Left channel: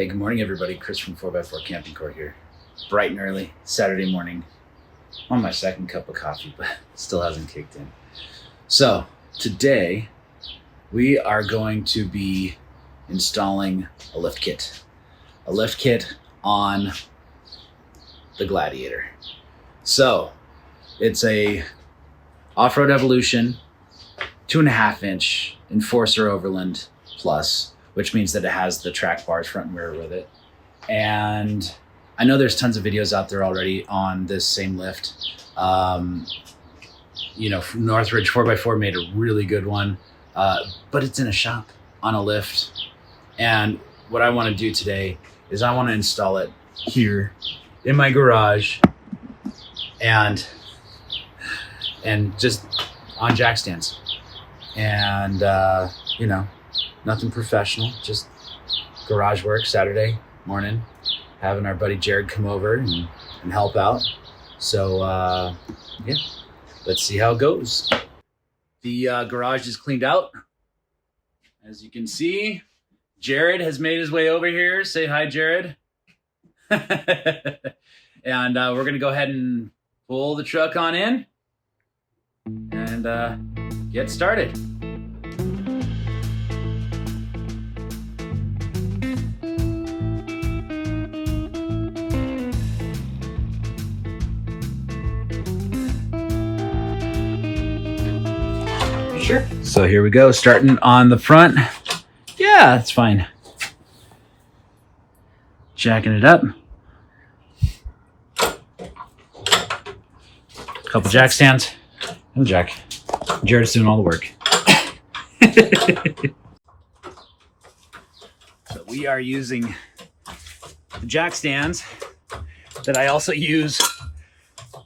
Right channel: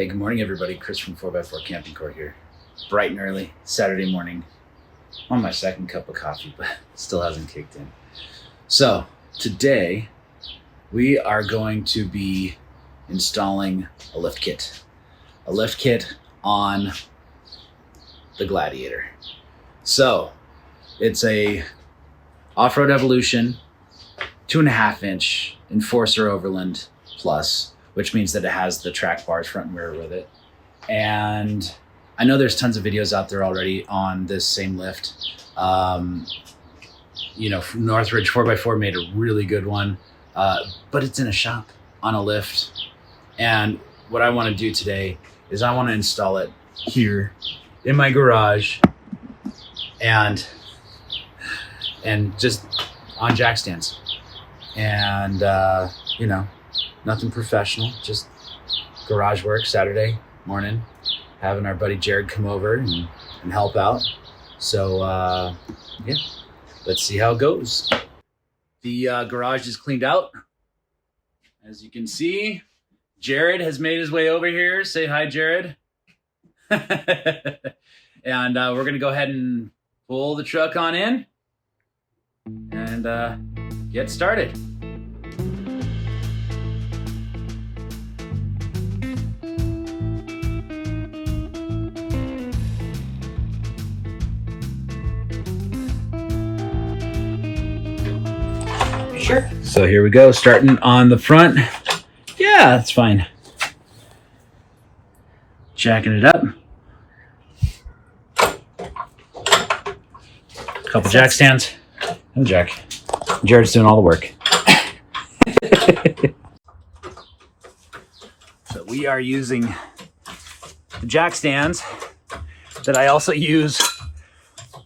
Hey, good morning, everybody. Chris from 4x4 Camping Court here. Bright and early, Saturday morning. I'm on my second cup of coffee, but still hasn't kicked in. So today we are going to be installing a lift kit. A lift kit on the Gladiator. So it's a Off-Road Evolution 2.5 inch Enforcer Overland Plus, which means that it has the track bars front and rear with it. And I know there's tons of videos out there already on this same lift. Northridge 4x4 made a really good one, but it's in a shop on a lift. And what I want to do today is I want to install it here in my garage and just on jack stands. And, nothing professional, just garage work Saturday morning, having our buddy Jared come over and help out. So, let's see how it goes. The garage is cleaned out. As you can see, Jared has made his way over here. Say hi, Jared. And we're going to go ahead and pull the truck on in and get started. Sure. So here we go, starting on the front. Yeah, that's fine. Jacking it up. Couple jack stands and jack. Jared's doing all the work. So we are using the jack stands that I also use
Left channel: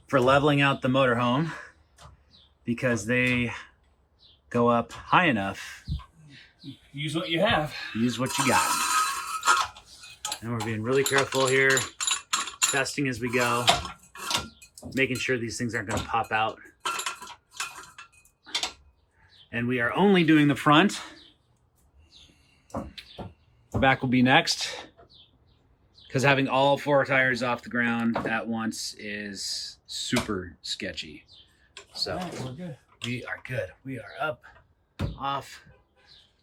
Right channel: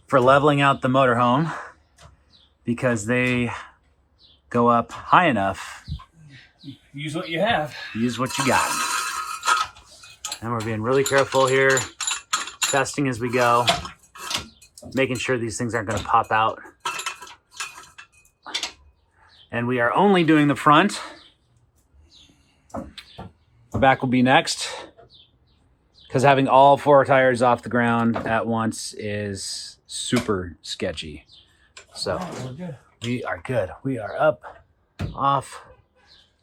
for leveling out the motorhome because they go up high enough. Use what you have. Use what you got. And we're being really careful here, testing as we go, making sure these things aren't going to pop out. And we are only doing the front. The back will be next, because having all 4 tires off the ground at once is super sketchy. So we're good. We are good. We are up, off,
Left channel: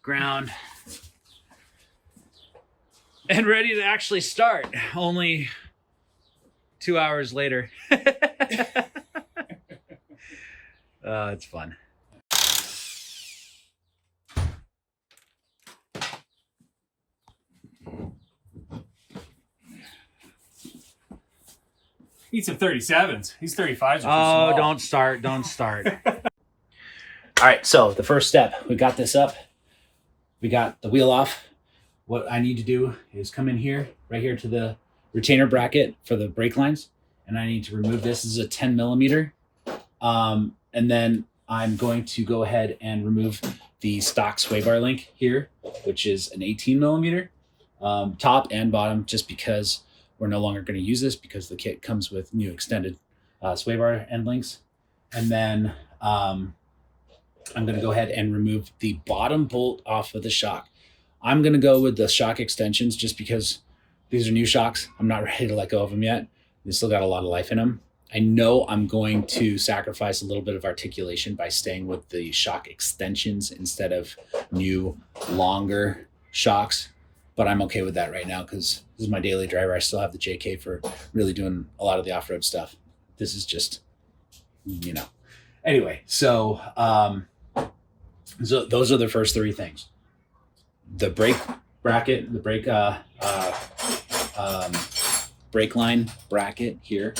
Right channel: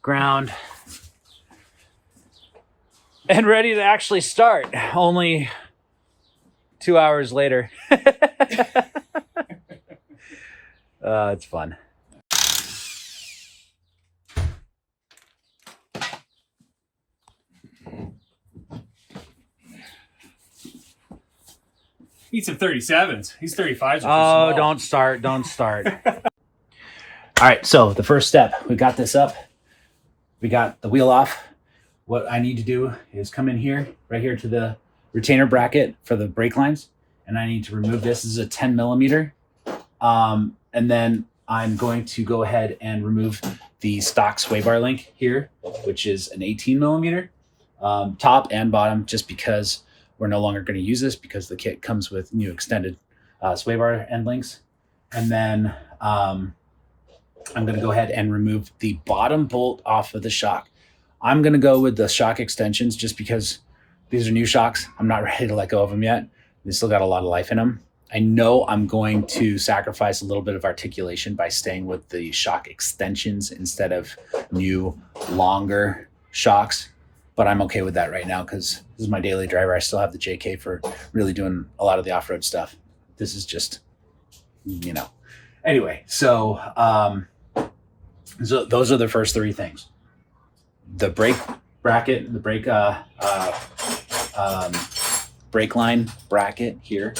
ground, and ready to actually start. Only 2 hours later. It's fun. Eat some 37s. These 35s are too Oh, small. don't start. Don't start. All right, so the first step, we got this up. We got the wheel off. What I need to do is come in here, right here to the retainer bracket for the brake lines. And I need to remove this. This is a 10 millimeter. And then I'm going to go ahead and remove the stock sway bar link here, which is an 18 millimeter, top and bottom, just because we're no longer going to use this because the kit comes with new extended sway bar end links. And then I'm going to go ahead and remove the bottom bolt off of the shock. I'm going to go with the shock extensions just because these are new shocks. I'm not ready to let go of them yet. They still got a lot of life in them. I know I'm going to sacrifice a little bit of articulation by staying with the shock extensions instead of new, longer shocks. But I'm okay with that right now because this is my daily driver. I still have the JK for really doing a lot of the off-road stuff. This is just, Anyway, so those are the first 3 things. The brake bracket, the brake line bracket here,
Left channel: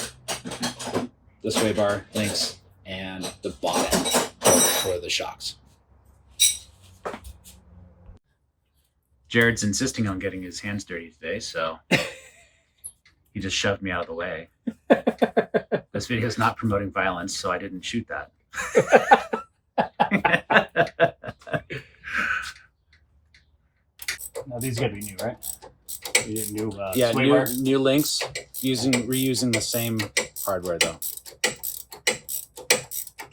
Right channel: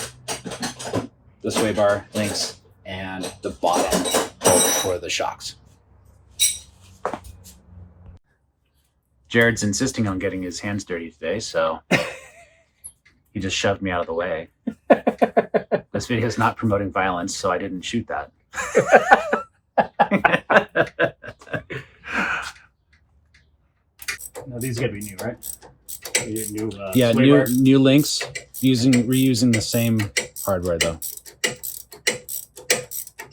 the sway bar links, and the bottom bolt for the shocks. Jared's insisting on getting his hands dirty today, so he just shoved me out of the way. This video is not promoting violence, so I didn't shoot that. Now these gotta be new, right? New, new links, reusing the same hardware though.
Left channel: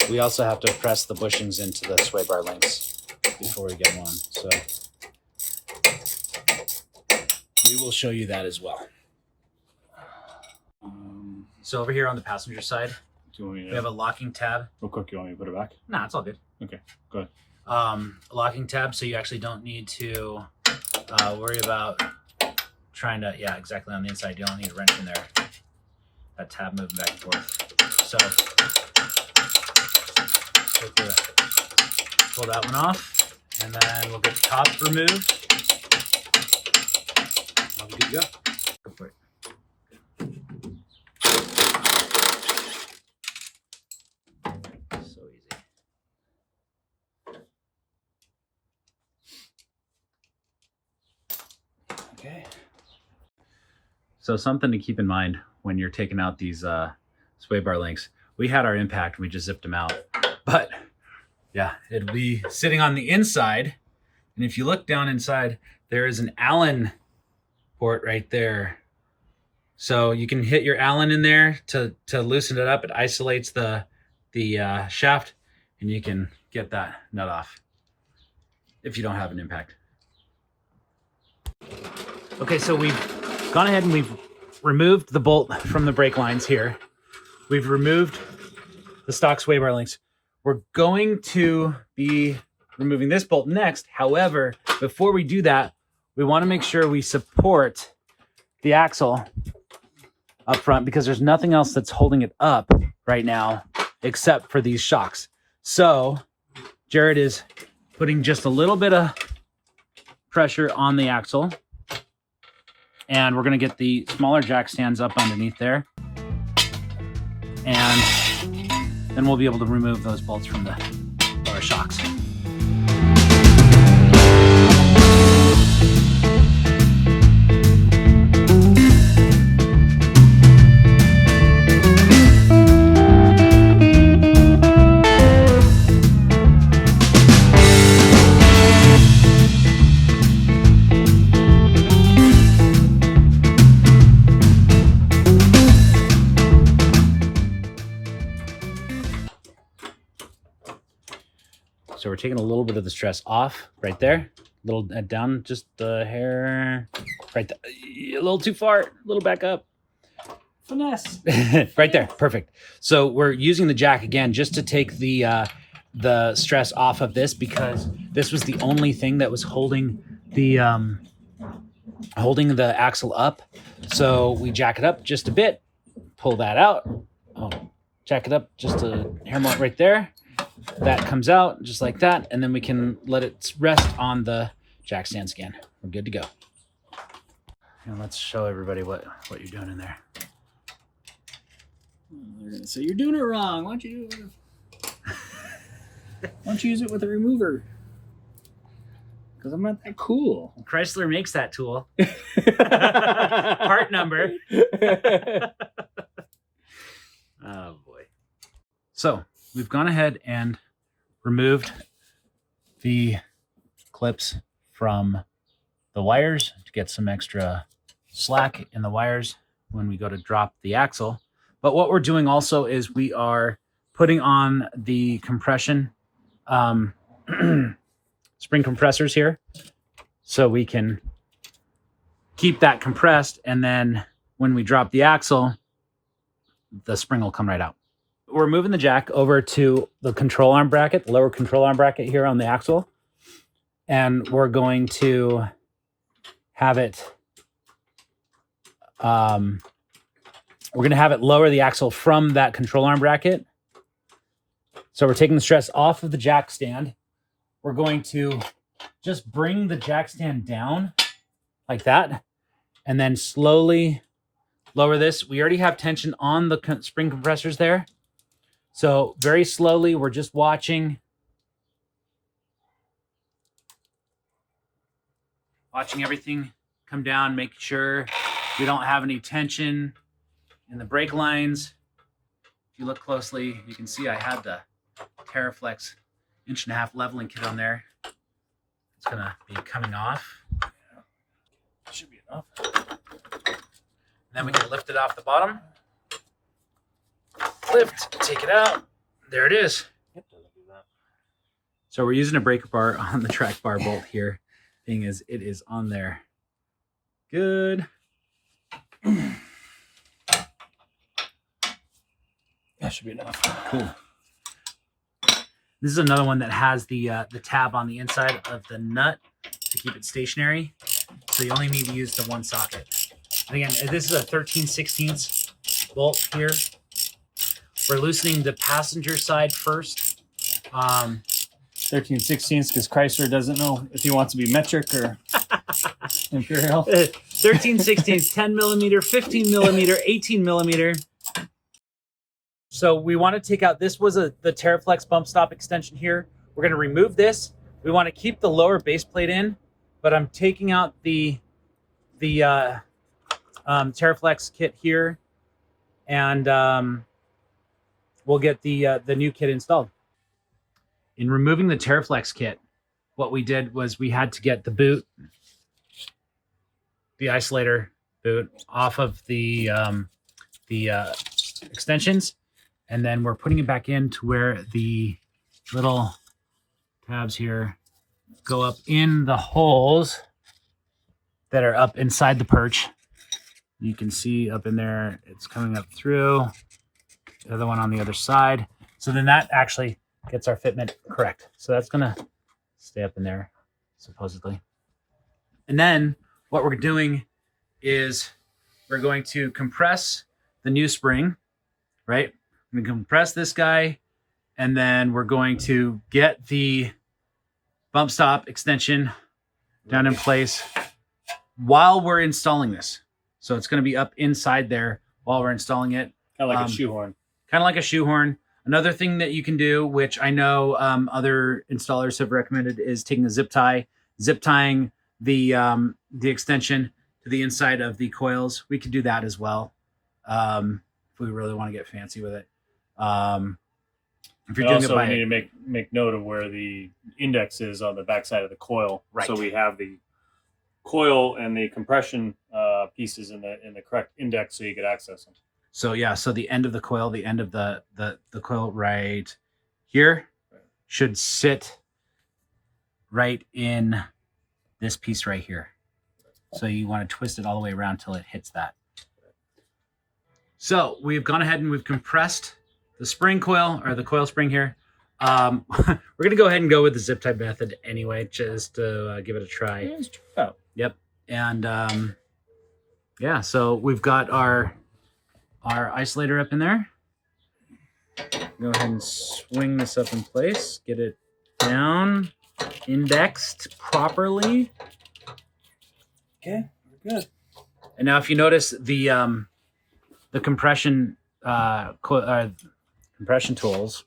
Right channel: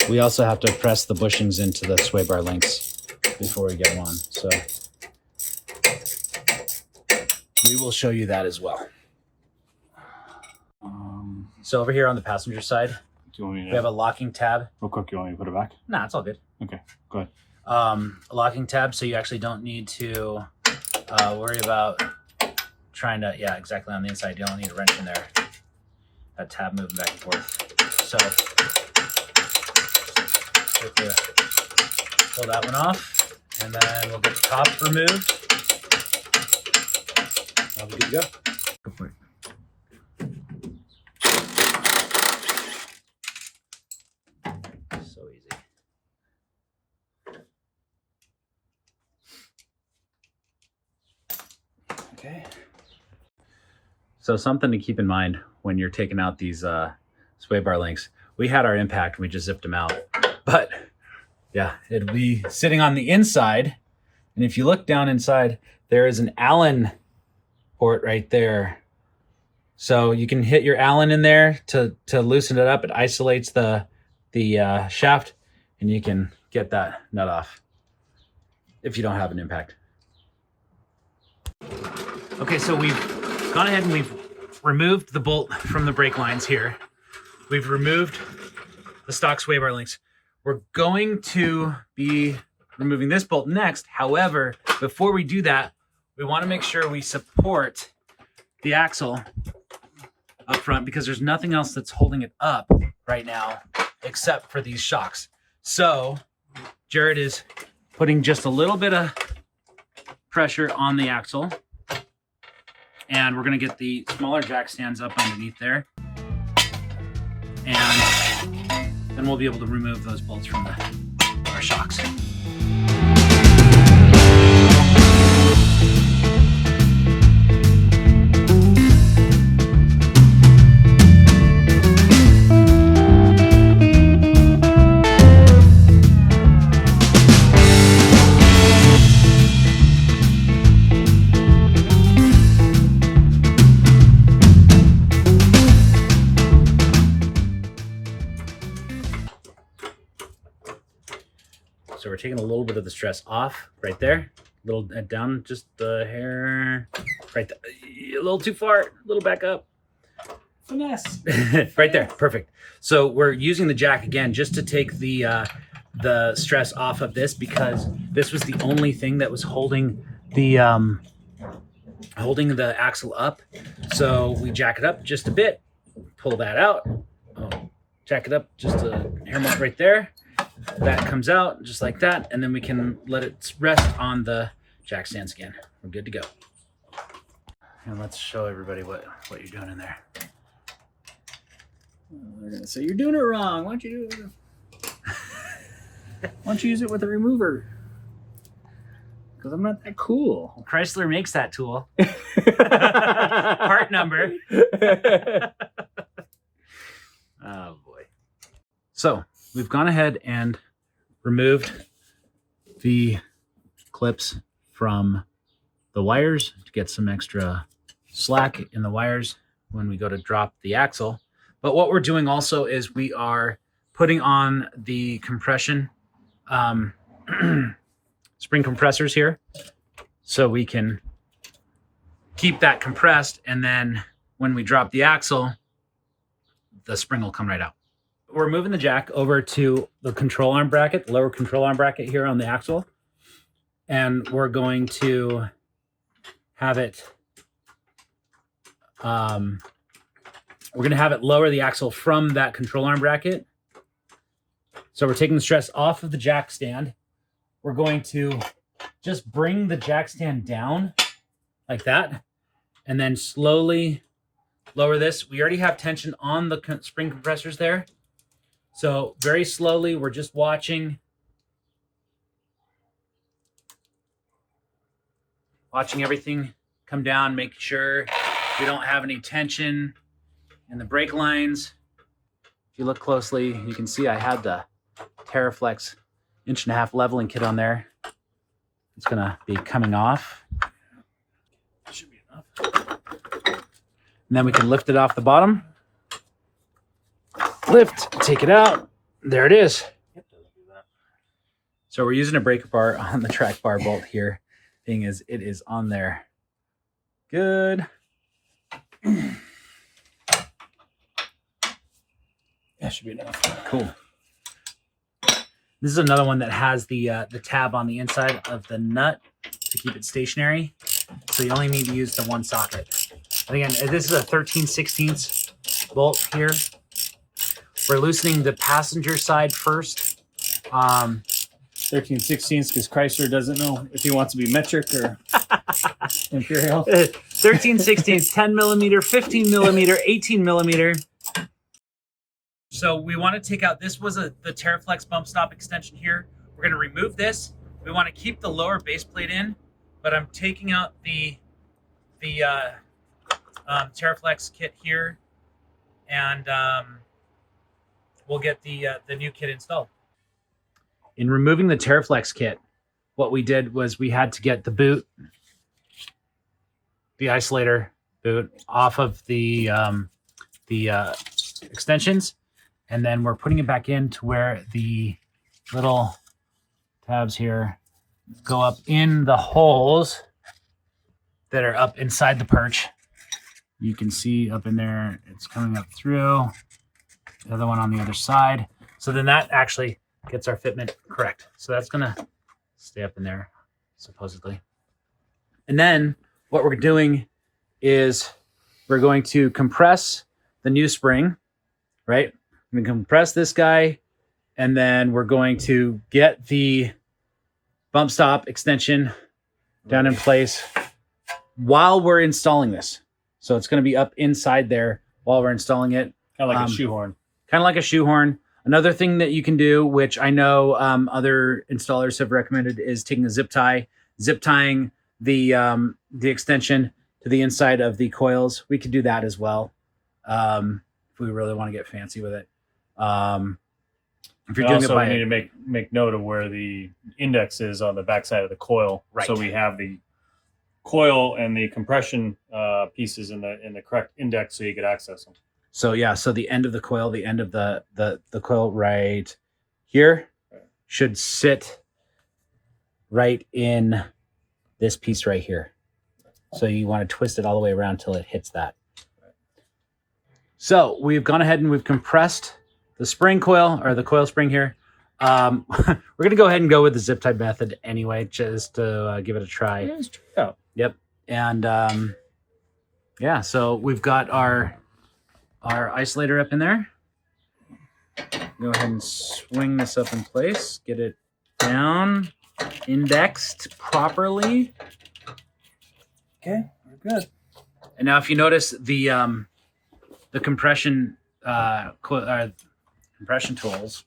We also have to press the bushings into the sway bar links before we get them on. So we will show you that as well. So over here on the passenger side, Do you want me to, we have a locking tab. real quick, you want me to put it back? Nah, it's all good. Okay, go ahead. A locking tab, so you actually don't need to worry about trying to, yeah, exactly on the inside. You don't need a wrench in there. That tab moving back and forth. So pull that one off, and then we'll get the top removed. I'll be good to go. Go for it. So easy. Okay. So something to keep in mind when you're taking out these sway bar links. We had our impact and we just zipped them out. But yeah, it'll be sitting on the inside. And if you look down inside, there is an Allen port right there. So you can hit your Allen in there to loosen it up. It isolates the shaft, and you can get that nut off if you don't have an impact. Okay, so we've gone ahead and we've removed the bolt from the brake lines here. We've removed the stock sway bar links. We're going to be removing this bolt next. However, before we do that, we want to make sure we support the axle up front, because there's nothing else that's holding it up right now except for these shocks. So Jared is putting just a little bit of pressure on the axle, and we're going to get the smaller jack stands up underneath there, and then we'll be able to remove those bolts from our shocks. So we're taking a little bit of the stress off right there, a little down, just the hair right there, a little too far, a little back up. Finesse. Right there, perfect. So we're using the jack again just to take the stress off of this, because this was the only thing that was holding the axle up. So we jack it up just a bit, pull that out, jack it up just a hair mark right there. That comes out just like that, and then we can let it rest on the jack stands again. We're good to go. And let's show everybody what you're doing in there. They're gonna say you're doing it wrong. Why don't you do it? Why don't you use it with a remover? Because I'm not that cool. Chrysler makes that tool. Part number. Oh boy. So we've gone ahead and removed the clips from the wires to get some extra slack in the wires when we go to drop the axle. But what we're doing also is we are putting on the compression spring compressors here, so we can keep that compressed, and then when we drop the axle, the spring will come right out. We're moving the jack over to the control arm bracket, the lower control arm bracket here on the axle. And we're going to have it, we're going to have it lower the axle from that control arm bracket. So we're taking the stress off of the jack stand. We're going to just bring the jack stand down like that, and then slowly lower this. We already have tension on the spring compressors there. So very slowly, we're just watching everything come down, make sure we don't have any tension in the brake lines. If you look closely, you can see I had the TerraFlex 1.5-inch leveling kit on there. It's gonna be coming off. Should be enough. And then we can lift it off the bottom. Lift, take it out. There it is. So we're using a breaker bar on the track bar bolt here. Thing is, it is on there good. That should be enough. Cool. This is another one that has the tab on the inside of the nut to keep it stationary. So you only need to use the one socket. And again, this is a 13/16 bolt here. We're loosening the passenger side first. 13/16 because Chrysler doesn't know if he wants to be metric or imperial. 13/16, 10 millimeter, 15 millimeter, 18 millimeter. So we want to take out, this was the Terraflex bump stop extension here. We're going to remove this. We want to keep the lower base plate in, but I'm taking out the Terraflex kit here, and we'll get the new kit installed. In removing the Terraflex kit, what we did was we had to get the boot, the isolator boot, off of the extensions, and then we're putting it back in to where the little tabs here go up in the holes that are up inside the perch. You can see up in there, it's coming up through. The other one on the other side. So then that actually gets our fitment correct. So that's gonna stay up in there, supposedly. And then what we're doing is we're going to compress the new spring, right? I'm gonna compress this guy, and then we're going to get the bump stop extension down in place while we're installing this. So it's gonna be up inside there while we're installing it. Kind of like a shoehorn. Kind of like a shoehorn. Another thing that you can do, which I know other installers have recommended, is taking a zip tie, zip tying the extension to the inside of the coils. We could do that as well if we really want to get fancy with it. If you're doing it by, we need to make note of where the index is on the backside of the coil, right? So we have the coil and the compression pieces in the correct index, so you could access them. So yeah, so the end of the coil, the end of the coil right here should sit right in this piece right here. So you want to twist it all the way around till it hits that. So we've gone ahead and we've compressed the spring coil, or the coil spring here. We're going to go ahead and go with the zip tie method anyway, just to give it a try. Yeah. Yep. And yeah, so we've got our isolator up in there. Go ahead and swing this up in place, get it down, indexed properly. Okay, we're good. And now if you notice the compression compression tools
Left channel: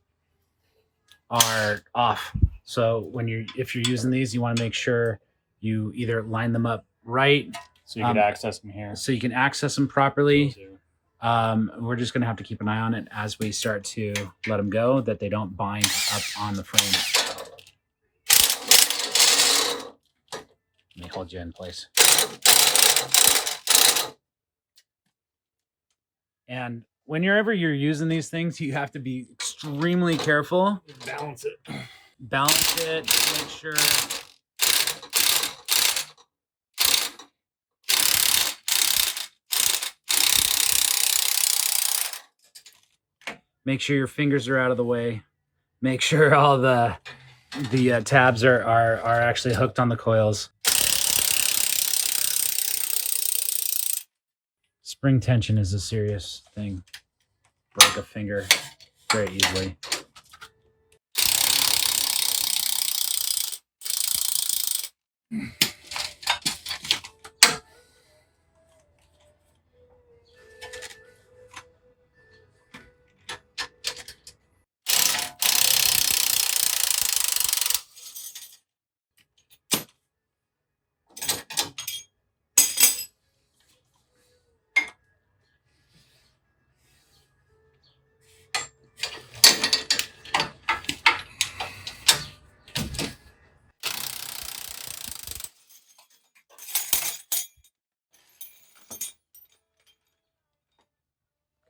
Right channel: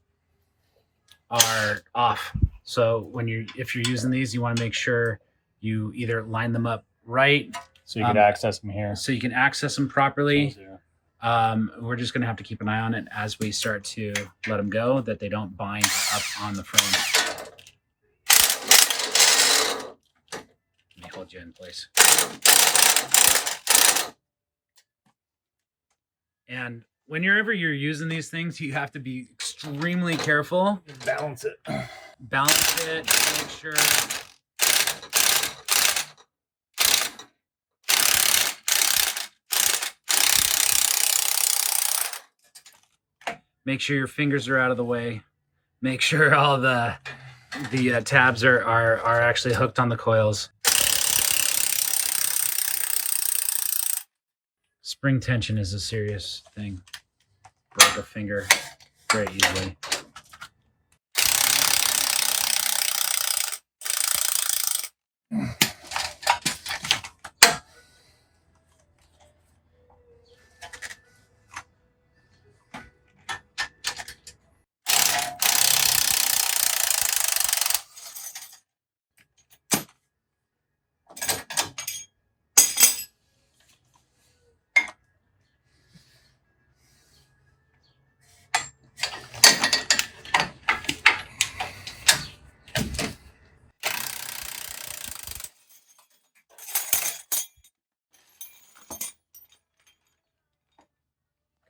are off. So if you're using these, you want to make sure you either line them up right, so you can access them here. So you can access them properly. We're just going to have to keep an eye on it as we start to let them go, that they don't bind up on the frame. Let me hold you in place. And whenever you're using these things, you have to be extremely careful. Balance it. Balance it, make sure. Make sure your fingers are out of the way. Make sure all the tabs are actually hooked on the coils. Spring tension is a serious thing. Break a finger very easily.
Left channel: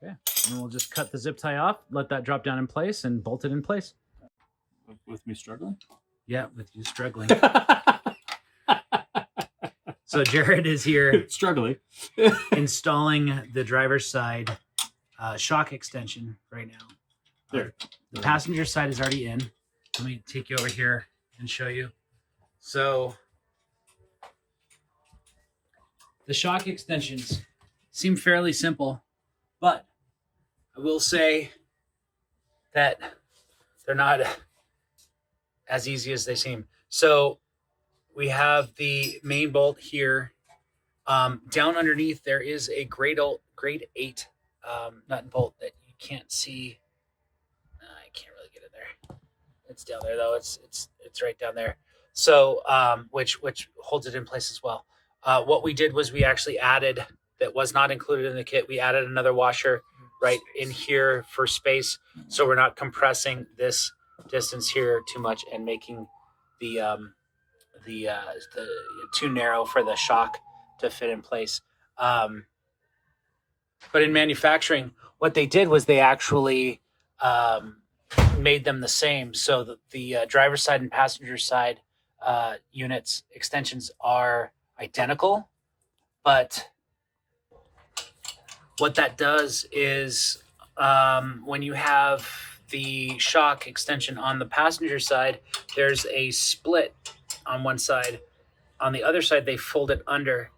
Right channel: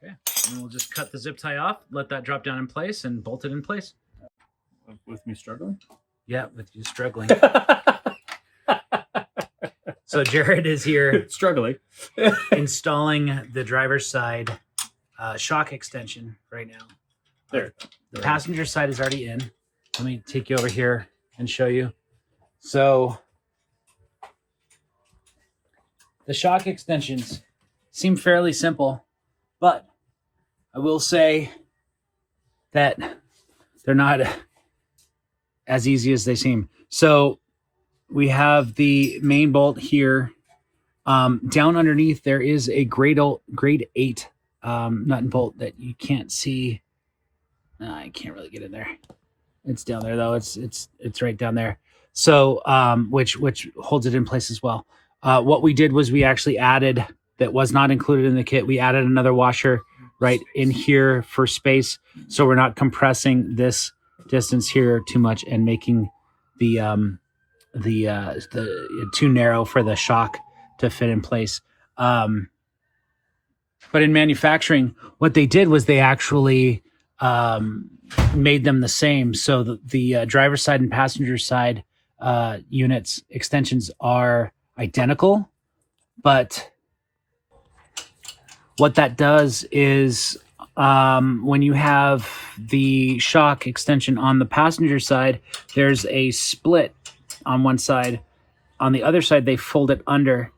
Okay, and we'll just cut the zip tie off, let that drop down in place, and bolt it in place. With me struggling? Yeah, with you struggling. So Jared is here Struggling. installing the driver's side shock extension right now. There. The passenger side is already in. Let me take you over here and show you. So the shock extensions seem fairly simple, but I will say that they're not as easy as they seem. So we have the main bolt here. Down underneath, there is a grade 8 nut and bolt that you can't see. I can't really get in there. It's down there though. It's right down there. So which holds it in place as well. What we did was we actually added, that was not included in the kit, we added another washer right in here for space, so we're not compressing this distance here too much and making the too narrow for the shock to fit in place. But in manufacturing, what they did was they actually made them the same. So the driver's side and passenger side units extensions are identical, but what that does is when you have the shock extension on the passenger side, there's a split on one side. On the other side, they fold it under.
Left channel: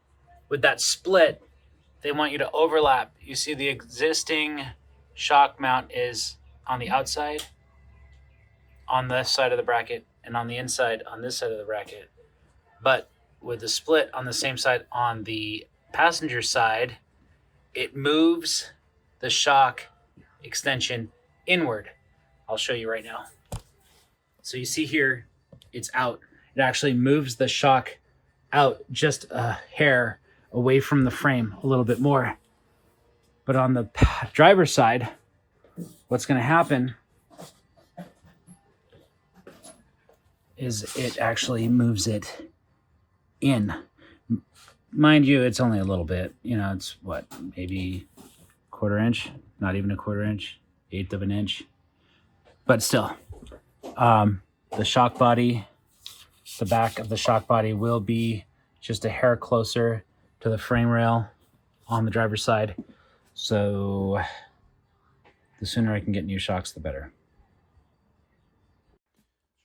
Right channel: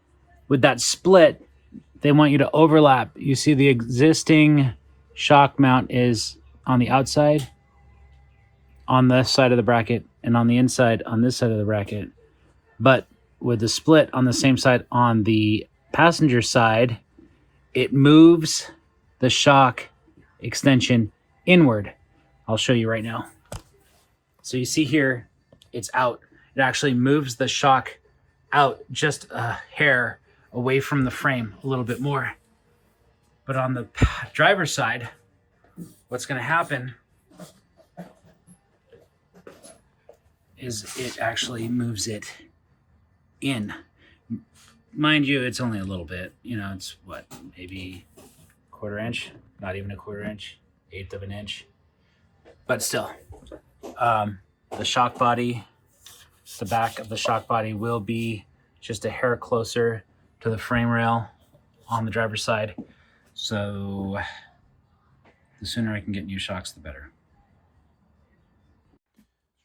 With that split, they want you to overlap. You see the existing shock mount is on the outside, on this side of the bracket, and on the inside on this side of the bracket. But with the split on the same side on the passenger side, it moves the shock extension inward. I'll show you right now. So you see here, it's out. It actually moves the shock out just a hair away from the frame a little bit more. But on the driver's side, what's going to happen is it actually moves it in. Mind you, it's only a little bit. You know, it's what, maybe a 1/4 inch, not even a 1/4 inch, 1/8 of an inch. But still, the shock body, the back of the shock body will be just a hair closer to the frame rail on the driver's side. So the sooner I can get new shocks, the better.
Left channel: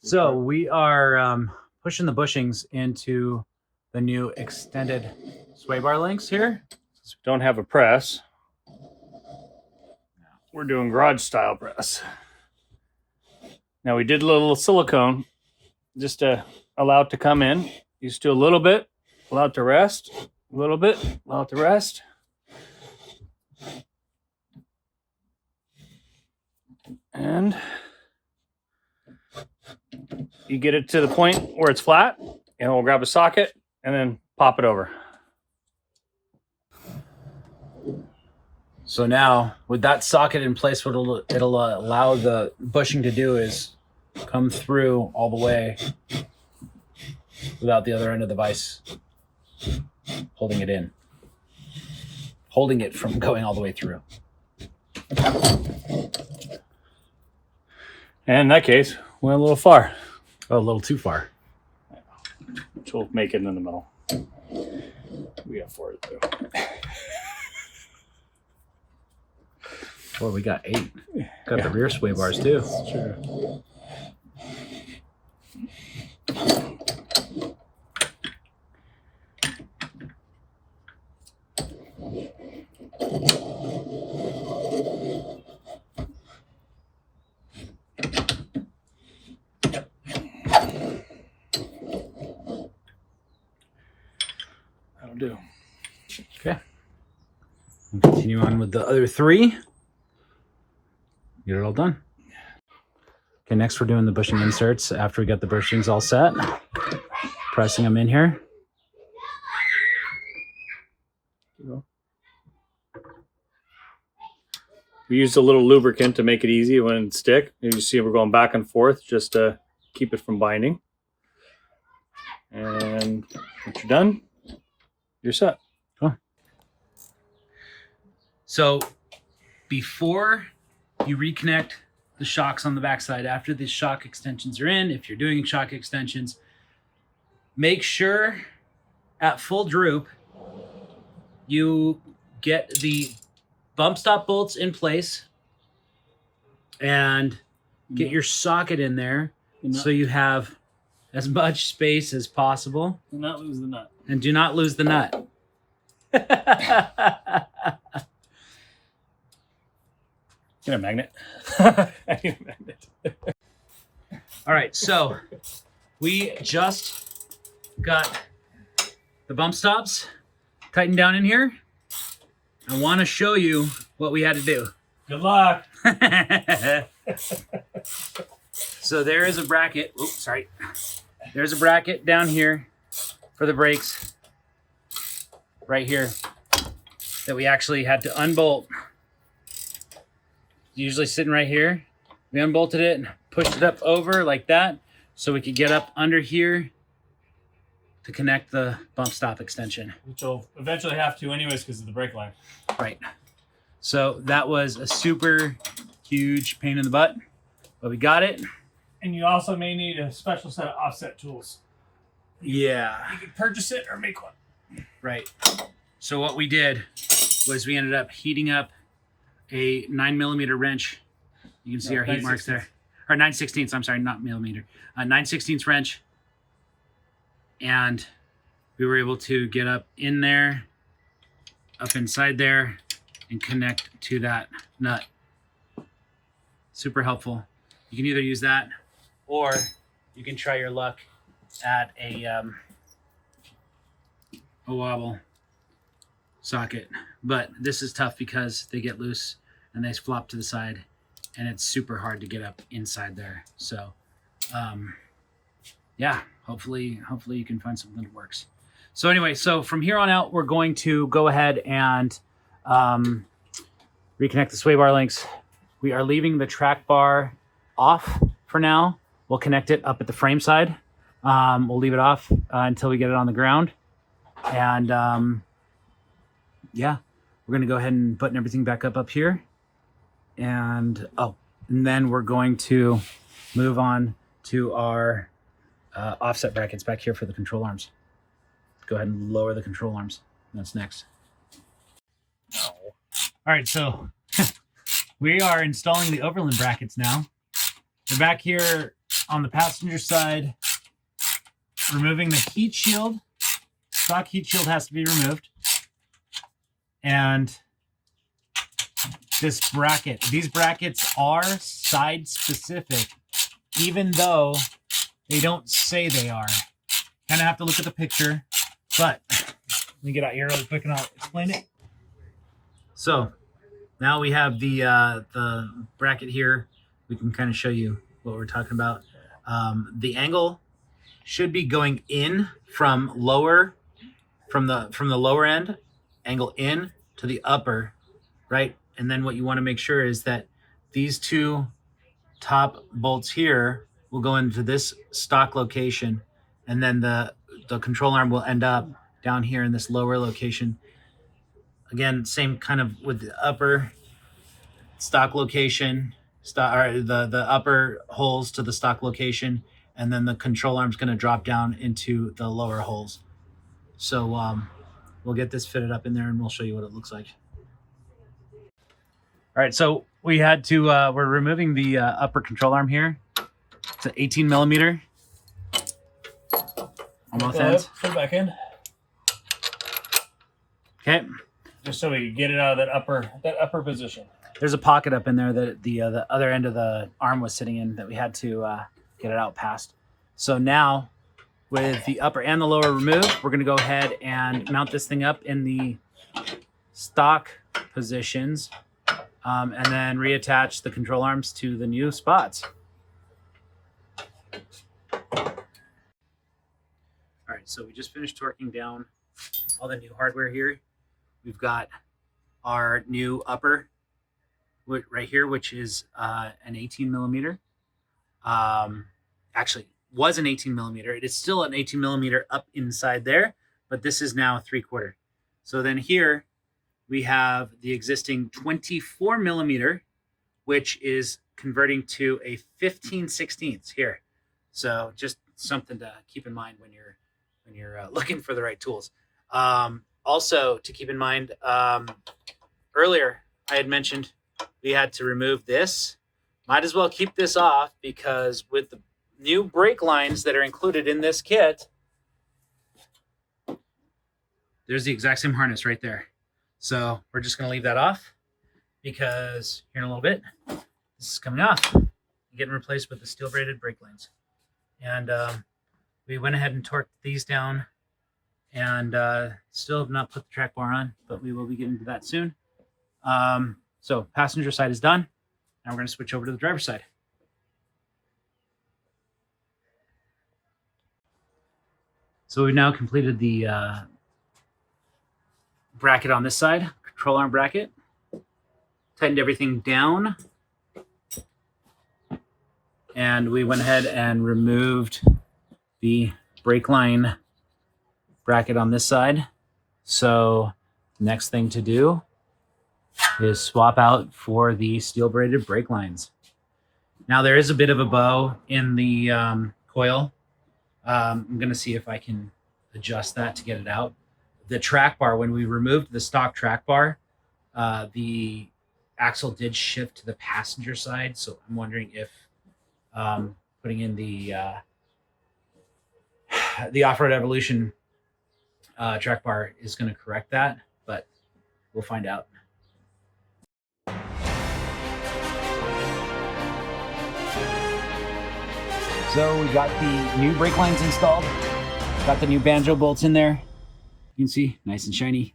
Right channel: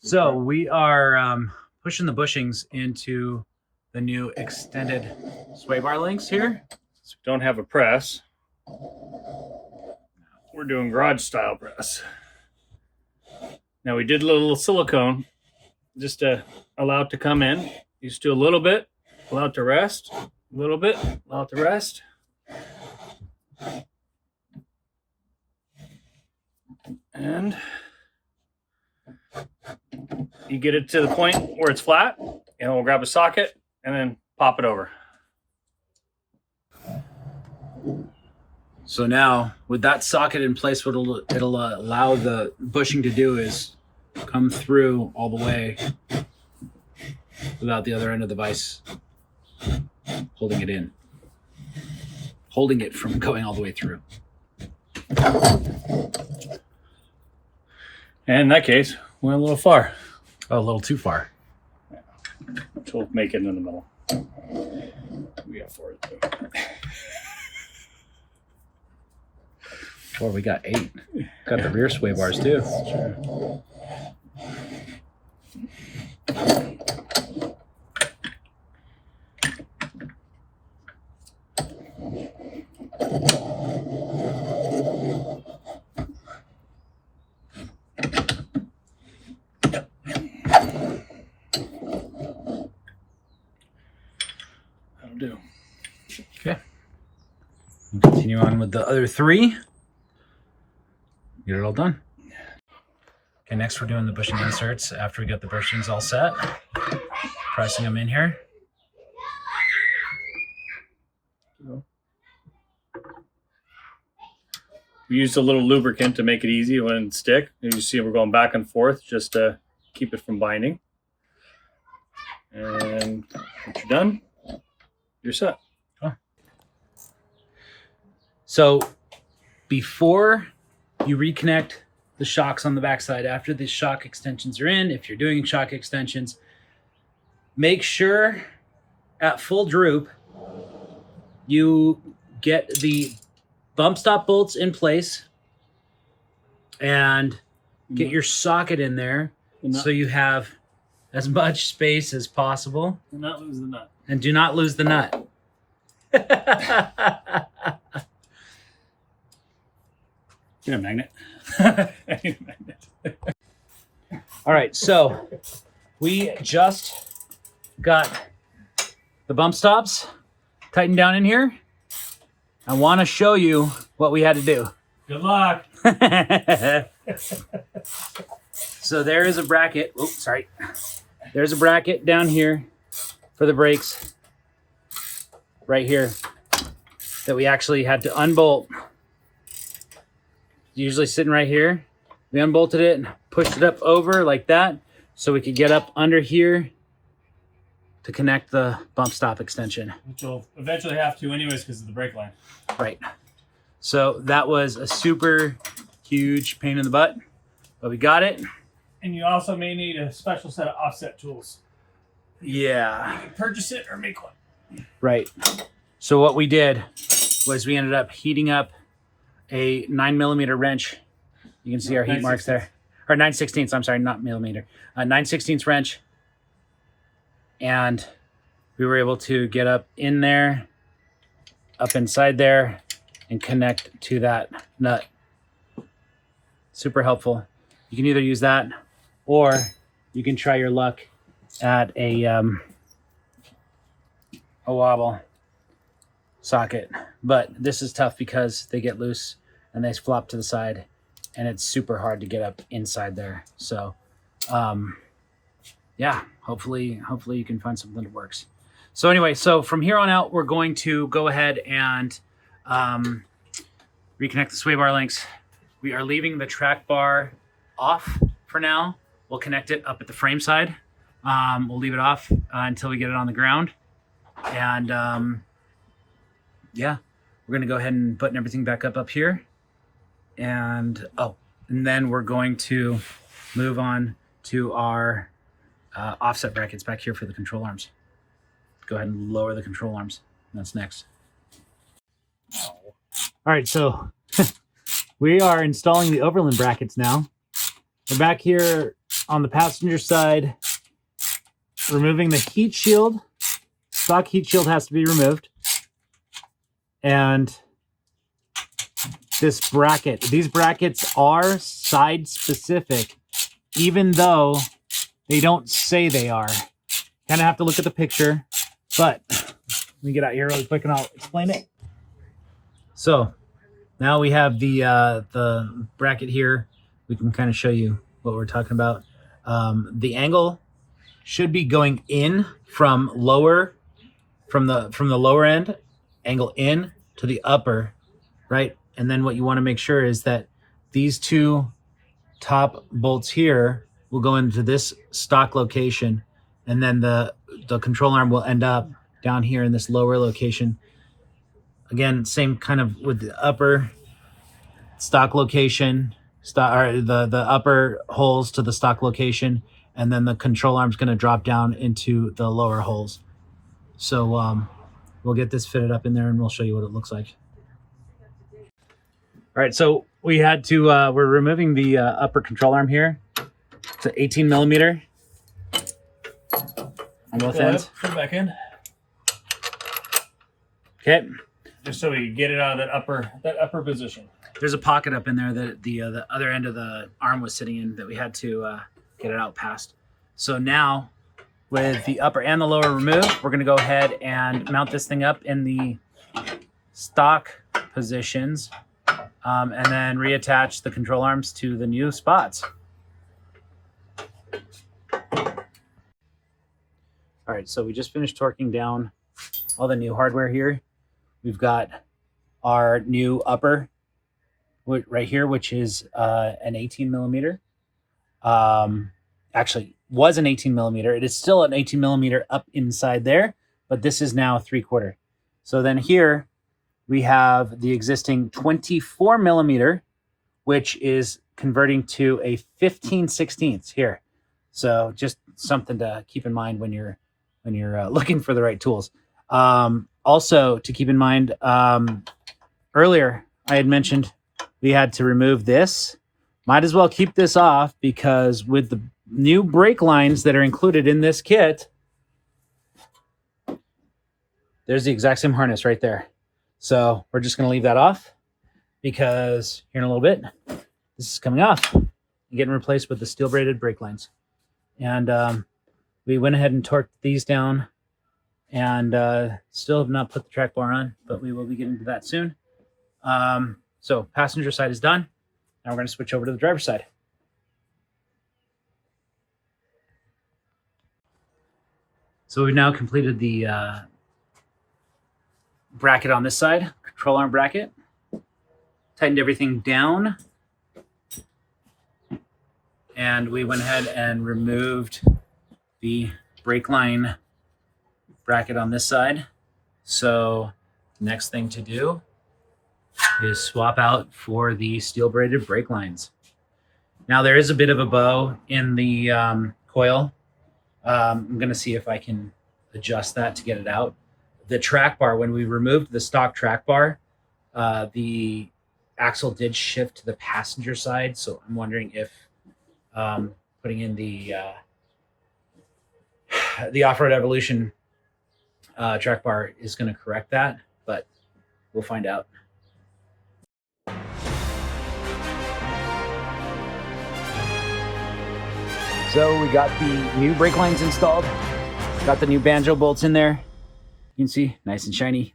So we are pushing the bushings into the new extended sway bar links here. So we don't have a press. We're doing garage style press. Now we did a little silicone just to allow it to come in. Just do a little bit, allow it to rest, a little bit, allow it to rest. And you get it to the point where it's flat, and we'll grab a socket and then pop it over. So now with that socket in place, what it'll allow the bushing to do is come through all the way without the other end of the vise holding it in, holding it from going all the way through. And in that case, went a little far. Oh, a little too far. Which will make it in the middle. We got 4 to do. Well, we got 8. Got the rear sway bars too. That's true. That'll do. Okay. We'll continue on with the other 3. Get it all done. Okay, next we're doing the bushing inserts after we got the bushings all set. Pressing them in here. We used a little lubricant to make it easy. It wouldn't stick. You just see we're going back and forth just to keep it from binding. And once you're done, you're set. Cool. So before you reconnect the shocks on the backside, after the shock extensions are in, if you're doing shock extensions, make sure at full droop, you get the bump stop bolts in place and get your socket in there so you have as much space as possible. Do not lose the nut. And do not lose the nut. Get a magnet. I need a magnet. All right, so we just got the bump stops tightened down in here. I want to show you what we had to do. Good luck. So there is a bracket. Oops, sorry. There's a bracket down here for the brakes right here that we actually had to unbolt. Usually sitting right here. We unbolted it and pushed it up over like that so we could get up under here to connect the bump stop extension. Which will eventually have to anyways because of the brake line. Right. So that was a super huge pain in the butt, but we got it. And you also may need a special set of offset tools. Yeah. You can purchase it or make one. Right. So what we did was we ended up heating up a 9mm wrench. You can see our heat marks there. Or 9/16, I'm sorry, not millimeter. 9/16 wrench. And we were able to get up in there, up inside there, and connect to that nut. Super helpful. You can either use that or you can try your luck at a wobble socket. But this is tough because they get loose and they flop to the side and it's super hard to get up inside there. So yeah, hopefully you can find something that works. So anyway, so from here on out, we're going to go ahead and reconnect the sway bar links. We are leaving the track bar off for now. We'll connect it up at the frame side. We'll leave it off until we get it on the ground. And yeah, we're gonna go ahead and button everything back up here. And then we're going to move on to our offset brackets back here for the control arms. Go ahead and lower the control arms. That's next. All right, so we are installing the Overland brackets now. We're back here on the passenger side, removing the heat shield. Stock heat shield has to be removed. And this bracket, these brackets are side specific, even though they don't say they are. Kind of have to look at the picture, but let me get out here really quick and I'll explain it. So now we have the bracket here. We can kind of show you what we're talking about. The angle should be going in from the lower end, angle in to the upper, right? And then what you want to make sure is that these two top bolts here will go into this stock location, and then the control arm will end up down here in this lower location. Again, same kind of with the upper stock location, the upper holes to the stock location, and then the control arm's going to drop down into the lower holes. So we'll get this fitted up in there and we'll show you what it looks like. All right, so we had to, we're removing the upper control arm here. It's an 18mm on both ends. Put it back in. Okay. Just so we get it out of that upper position. There's a pocket up in there that the other end of the arm was sitting in that we had to get it out past. So now, with the upper and the lower removed, we're going to go ahead and mount this thing up in the stock positions, and then reattach the control arms to the new spots. All right, so we just finished torquing down all the new hardware here. We've got our new upper right here, which is an 18mm. Actually, was an 18mm. It is still an 18mm up inside there, but this is now 3/4. So then here we have the existing 24mm, which is converting to a 15/16 here. So just something to keep in mind when you're looking for the right tools. Also, to keep in mind, earlier I had mentioned we had to remove this. Might as well keep this off because with the new brake lines that are included in this kit, there's the exact same harness right there. So we're just going to leave that off because here in a little bit, this is coming off and getting replaced with the steel braided brake lines. And we went ahead and torqued these down and still have not put the track bar on, but we will be getting to that soon. So passenger side is done. Now we're going to switch over to the driver's side. So we've now completed the bracket on this side, control arm bracket. Tightened everything down. And we went ahead and removed the brake line bracket on this side. So next thing to do is swap out for the steel braided brake lines. Now there is a bit of a bow in the coil. I'm going to see if I can adjust that to get it out. The track bar, when we removed the stock track bar, the axle did shift to the passenger side. So I'm wondering if putting in the Off-Road Evolution track bar is going to correct that, but we'll find out. So we got the new brake lines installed. Got the new banjo bolts in there. You can see, nice and shiny.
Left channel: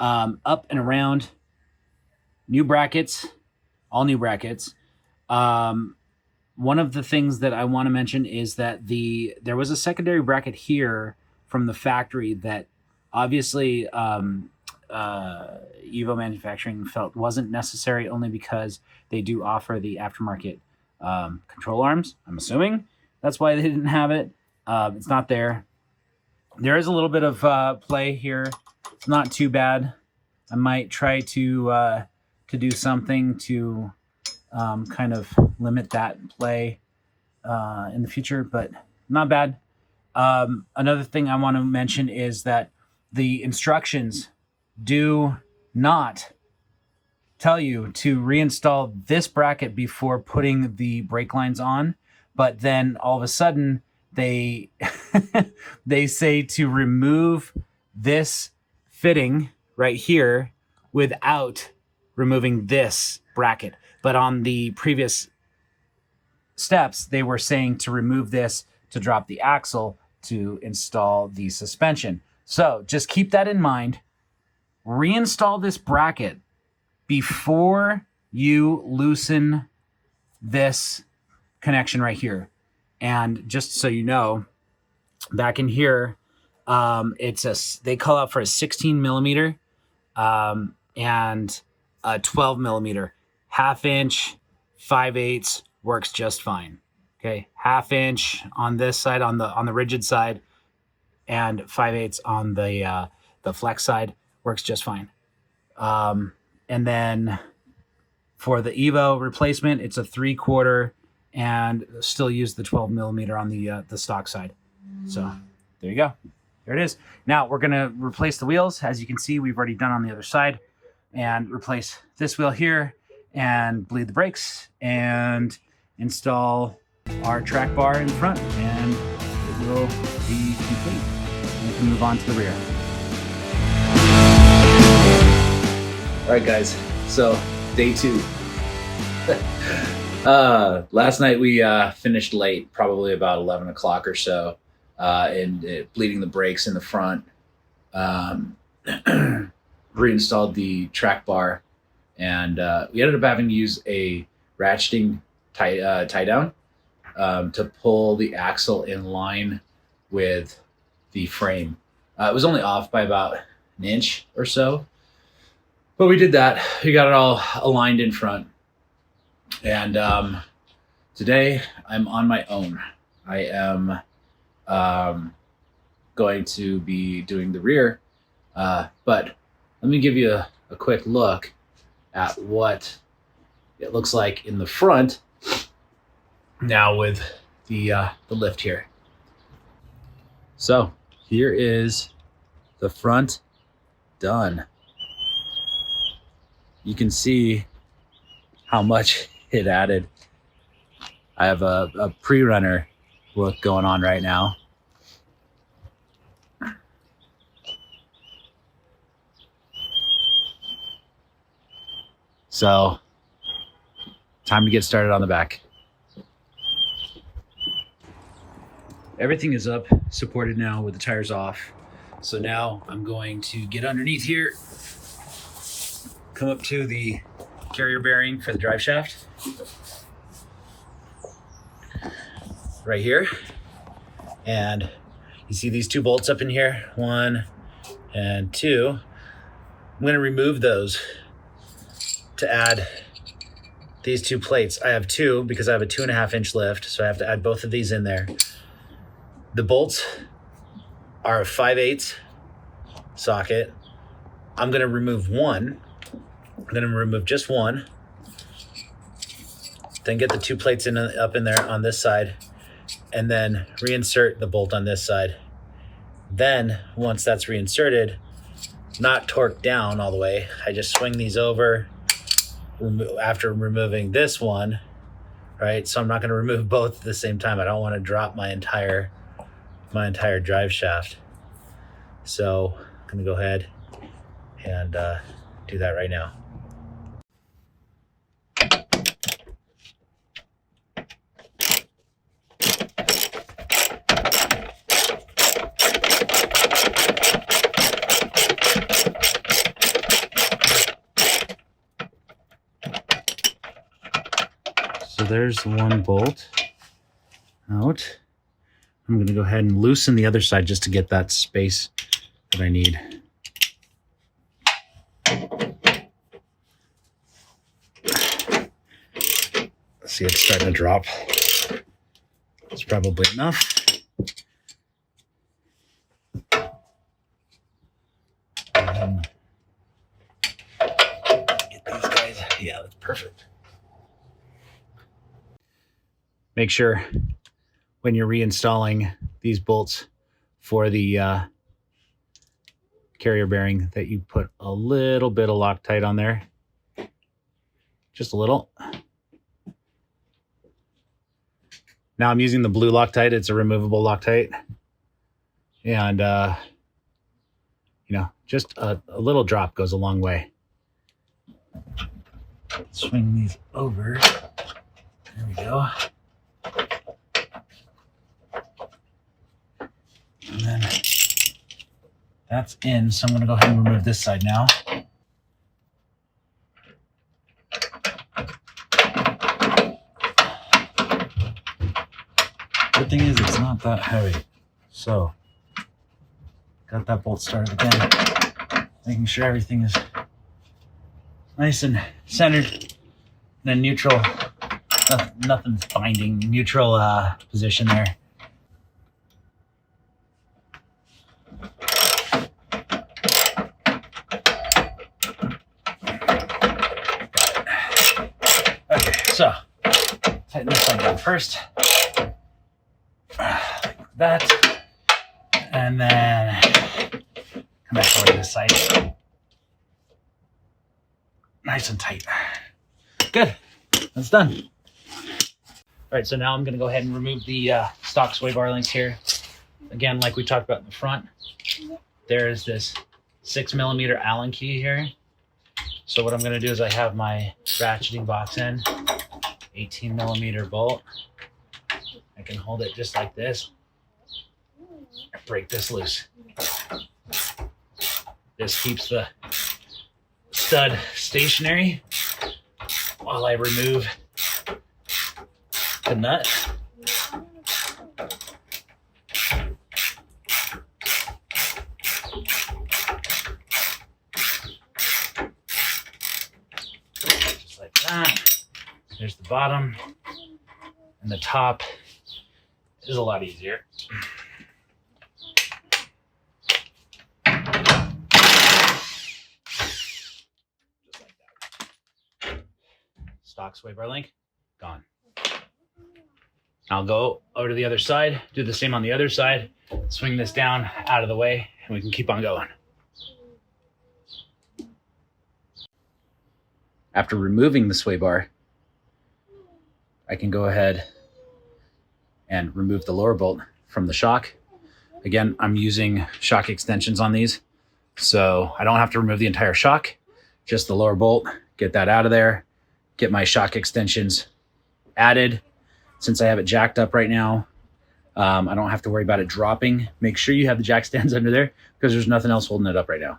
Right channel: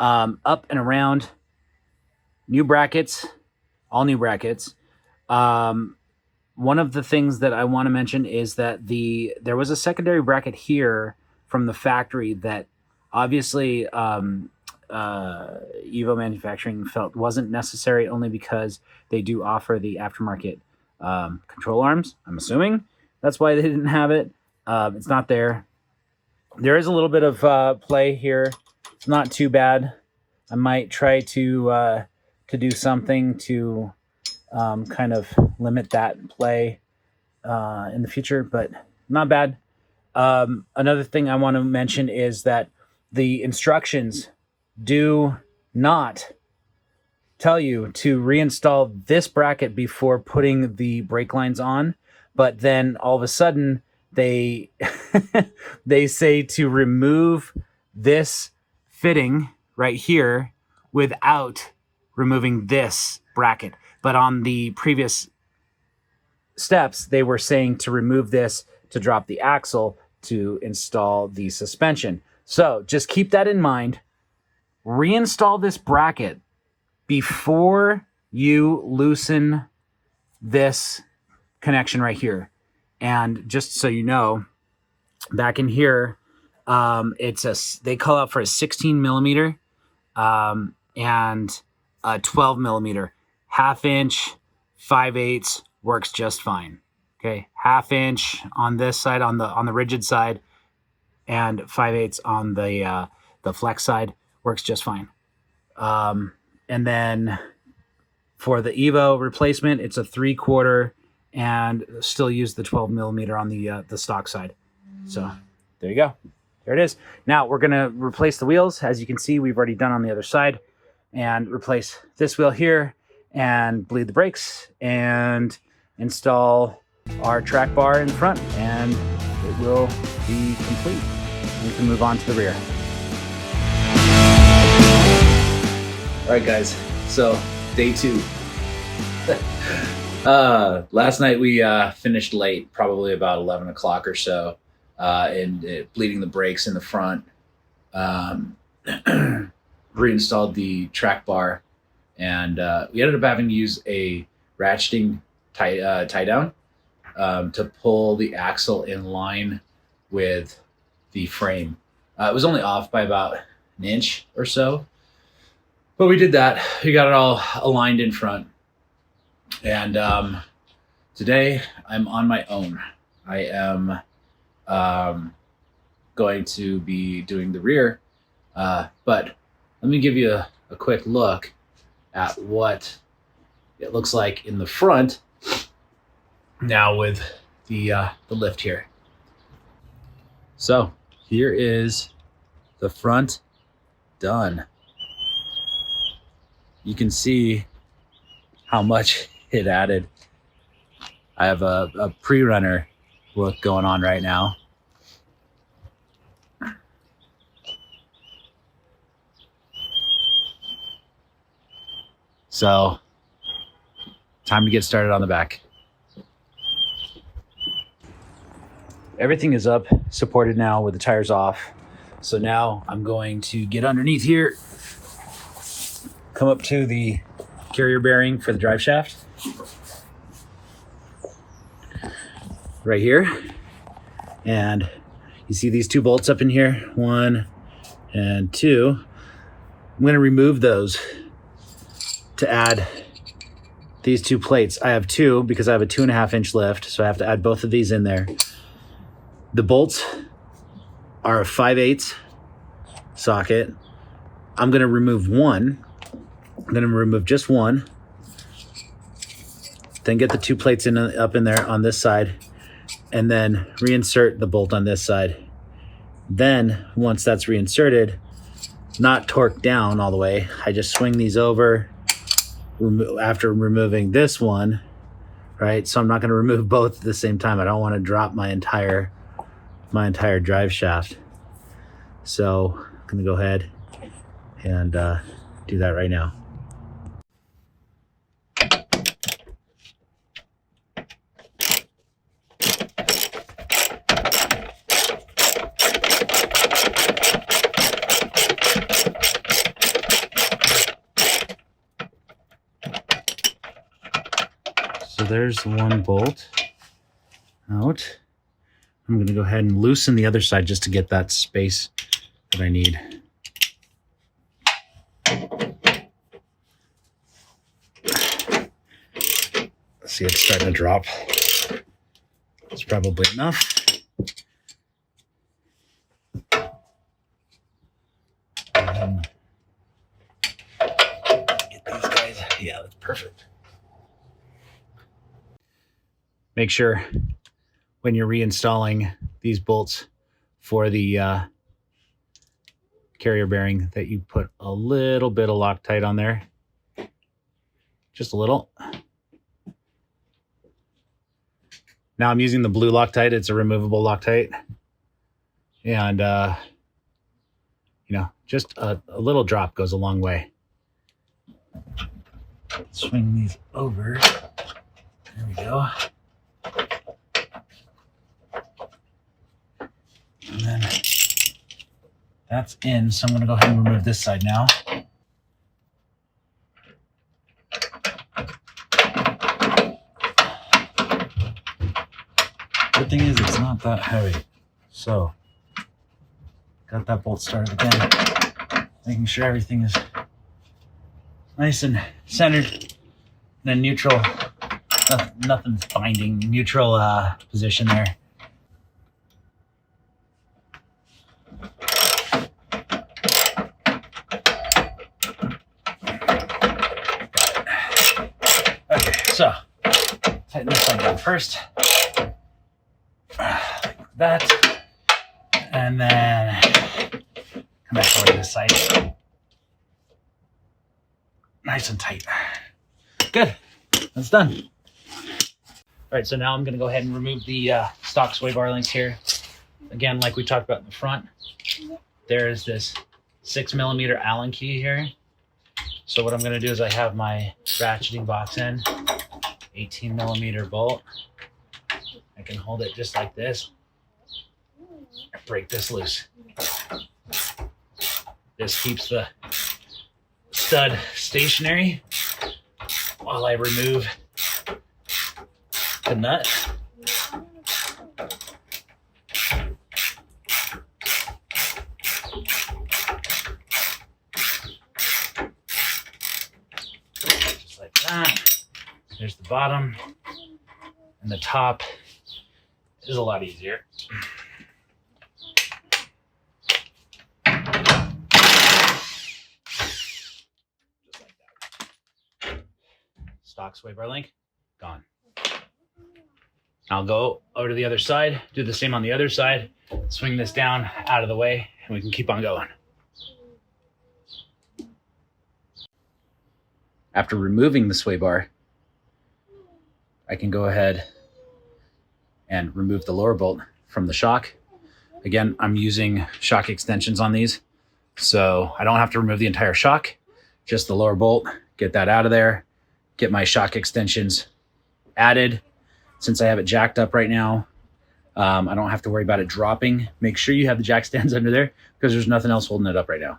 Up and around. New brackets, all new brackets. One of the things that I want to mention is that there was a secondary bracket here from the factory that obviously Evo Manufacturing felt wasn't necessary, only because they do offer the aftermarket control arms. I'm assuming that's why they didn't have it. It's not there. There is a little bit of play here. It's not too bad. I might try to do something to kind of limit that play in the future, but not bad. Another thing I want to mention is that the instructions do not tell you to reinstall this bracket before putting the brake lines on, but then all of a sudden they they say to remove this fitting right here without removing this bracket. But on the previous steps, they were saying to remove this to drop the axle to install the suspension. So just keep that in mind. Reinstall this bracket before you loosen this connection right here. And just so you know, back in here, they call out for a 16 millimeter and a 12 millimeter. Half inch, 5/8 works just fine. Okay, half inch on this side, on the rigid side, and 5/8 on the flex side works just fine. And then for the Evo replacement, it's a 3/4, and still use the 12 millimeter on the stock side. So there you go. There it is. Now we're gonna replace the wheels. As you can see, we've already done on the other side, and replace this wheel here, and bleed the brakes, and install our track bar in front, and it will be complete. And we can move on to the rear. All right, guys. So day 2. Last night we finished late, probably about 11 o'clock or so, and bleeding the brakes in the front. Reinstalled the track bar, and we ended up having to use a ratcheting tie down to pull the axle in line with the frame. It was only off by about an inch or so, but we did that. We got it all aligned in front. And today I'm on my own. I am going to be doing the rear, but let me give you a quick look at what it looks like in the front now with the lift here. So here is the front done. You can see how much it added. I have a pre-runner look going on right now. So, time to get started on the back. Everything is up, supported now with the tires off. So now I'm going to get underneath here, come up to the carrier bearing for the drive shaft. Right here. And you see these two bolts up in here, 1 and 2. I'm gonna remove those to add these 2 plates. I have 2 because I have a 2.5 inch lift, so I have to add both of these in there. The bolts are a 5/8 socket. I'm gonna remove one. I'm gonna remove just one. Then get the 2 plates up in there on this side, and then reinsert the bolt on this side. Then once that's reinserted, not torqued down all the way, I just swing these over after removing this one, right? So I'm not gonna remove both at the same time. I don't wanna drop my entire drive shaft. So I'm gonna go ahead and do that right now. So there's one bolt out. I'm going to go ahead and loosen the other side just to get that space that I need. See, it's starting to drop. It's probably enough. Get these guys. Yeah, that's perfect. Make sure when you're reinstalling these bolts for the carrier bearing that you put a little bit of Loctite on there. Just a little. Now I'm using the blue Loctite. It's a removable Loctite. And, you know, just a little drop goes a long way. Swing these over. There we go. And then that's in, so I'm going to go ahead and remove this side now. Good thing is it's not that heavy. So, got that bolt started again. Making sure everything is nice and centered. And then neutral, nothing's binding, neutral position there. So, tighten this side down first, like that, and then come back over to this side. Nice and tight. Good, that's done. All right, so now I'm gonna go ahead and remove the stock sway bar links here. Again, like we talked about in the front, there is this 6mm Allen key here. So what I'm gonna do is I have my ratcheting box end, 18mm bolt. I can hold it just like this. Break this loose. This keeps the stud stationary while I remove the nut. Just like that. There's the bottom, and the top is a lot easier. Just like that. Stock sway bar link, gone. I'll go over to the other side, do the same on the other side. swing this down out of the way and we can keep on going. After removing the sway bar, I can go ahead and remove the lower bolt from the shock. Again, I'm using shock extensions on these, so I don't have to remove the entire shock, just the lower bolt, get that out of there, get my shock extensions added. Since I have it jacked up right now, I don't have to worry about it dropping. Make sure you have the jack stands under there because there's nothing else holding it up right now.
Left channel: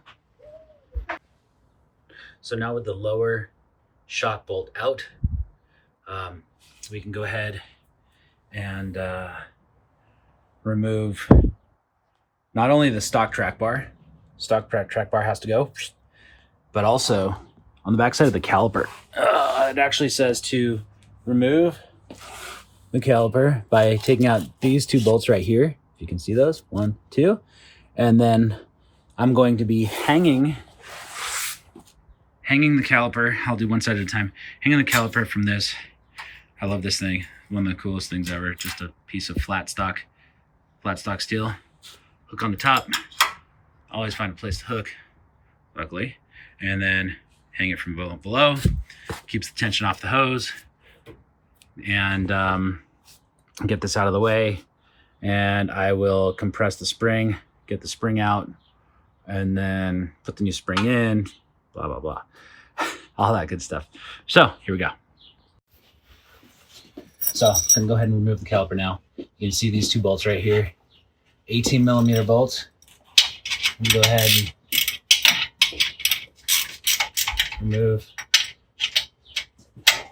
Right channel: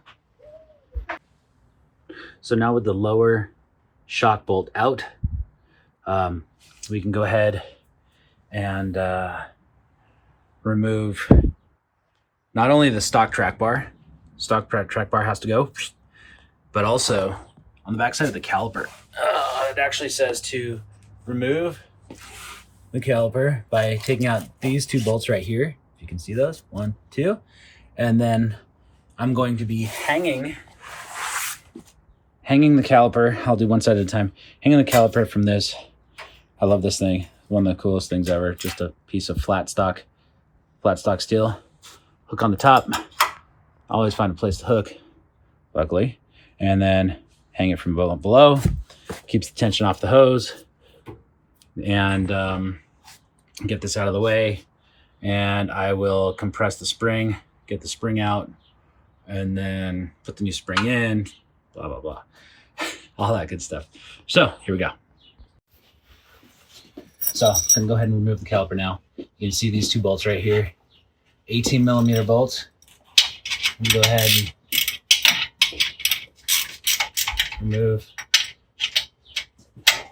So now with the lower shock bolt out, we can go ahead and remove not only the stock track bar has to go, but also on the back side of the caliper. It actually says to remove the caliper by taking out these two bolts right here. If you can see those, 1, 2. And then I'm going to be hanging the caliper. I'll do one side at a time. Hanging the caliper from this. I love this thing. One of the coolest things ever. Just a piece of flat stock steel. Hook on the top. I always find a place to hook, luckily. And then hang it from below. Keeps the tension off the hose. And get this out of the way. And I will compress the spring, get the spring out, and then put the new spring in, blah, blah, blah. All that good stuff. So here we go. So I'm gonna go ahead and remove the caliper now. You can see these two bolts right here, 18 millimeter bolts. I'm gonna go ahead and remove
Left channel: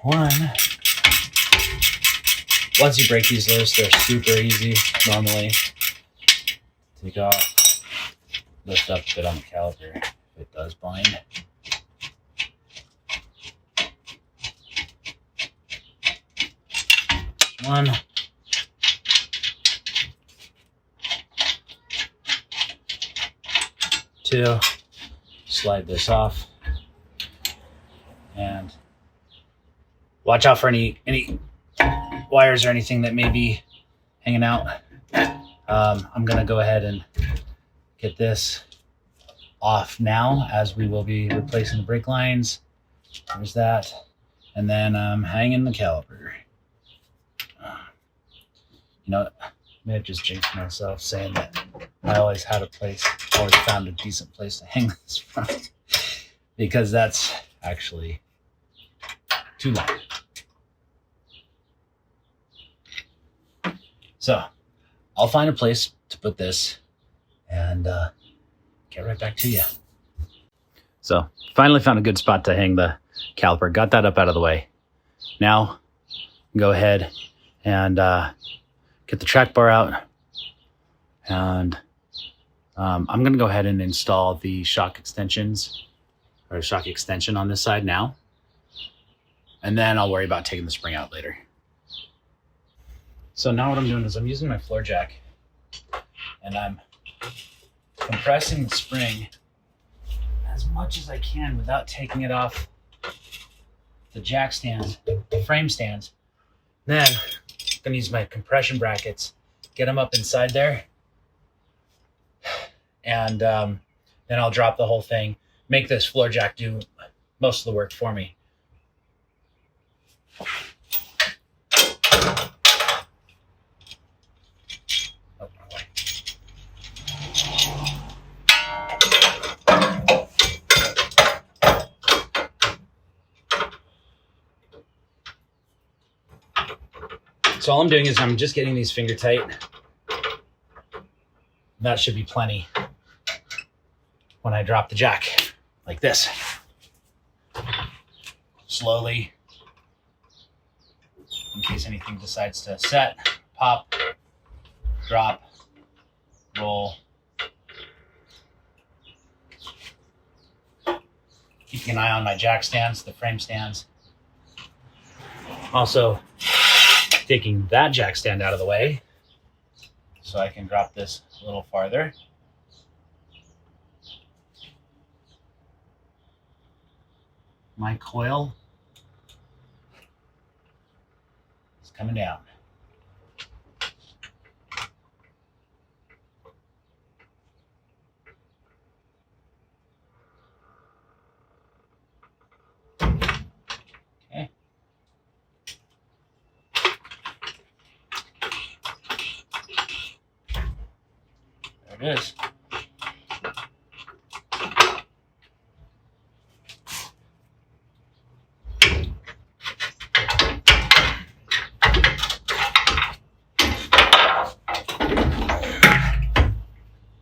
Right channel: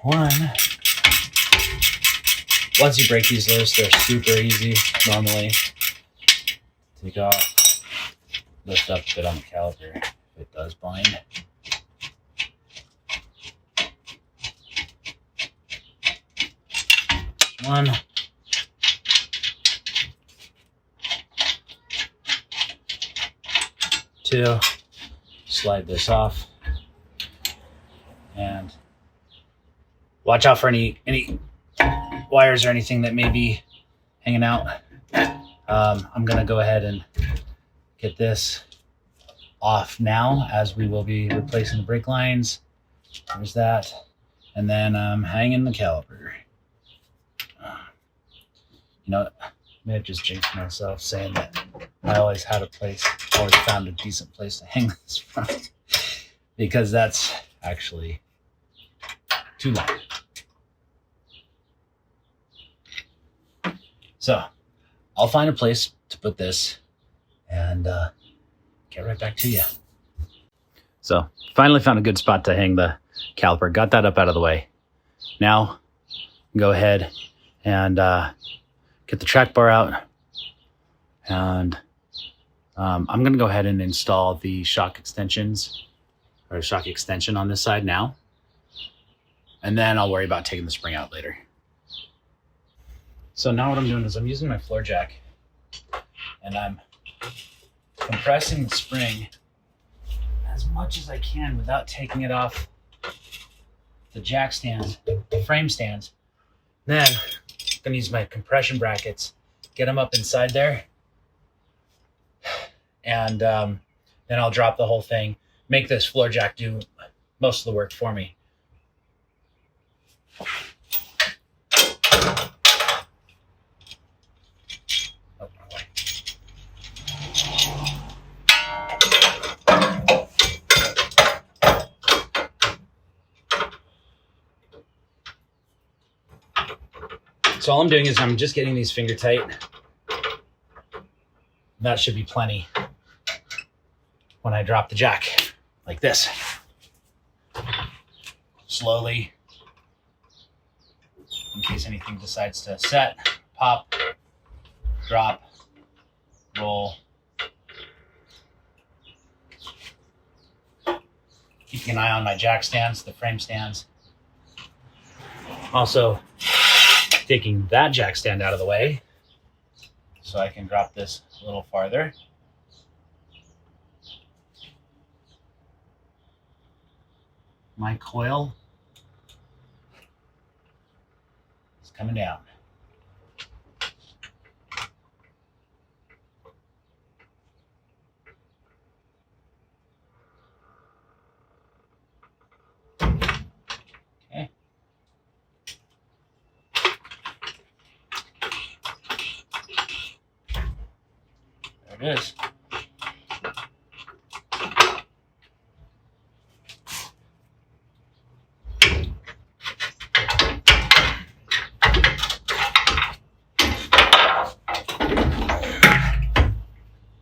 one. Once you break these loose, they're super easy normally. Take off, lift up a bit on the caliper if it does bind. One. Two. Slide this off. And watch out for any wires or anything that may be hanging out. I'm gonna go ahead and get this off now as we will be replacing the brake lines. There's that. And then I'm hanging the caliper. You know, I may have just jinxed myself saying that I always found a decent place to hang this from, because that's actually too long. So I'll find a place to put this and get right back to you. So finally found a good spot to hang the caliper. Got that up out of the way. Now go ahead and get the track bar out. And I'm going to go ahead and install the shock extensions or shock extension on this side now. And then I'll worry about taking the spring out later. So now what I'm doing is I'm using my floor jack and I'm compressing the spring as much as I can without taking it off the jack stands, the frame stands. Then I'm gonna use my compression brackets, get them up inside there, and then I'll drop the whole thing, make this floor jack do most of the work for me. So all I'm doing is I'm just getting these finger tight. That should be plenty when I drop the jack like this. Slowly, in case anything decides to set, pop, drop, roll. Keeping an eye on my jack stands, the frame stands. Also, taking that jack stand out of the way so I can drop this a little farther. My coil is coming down. it is.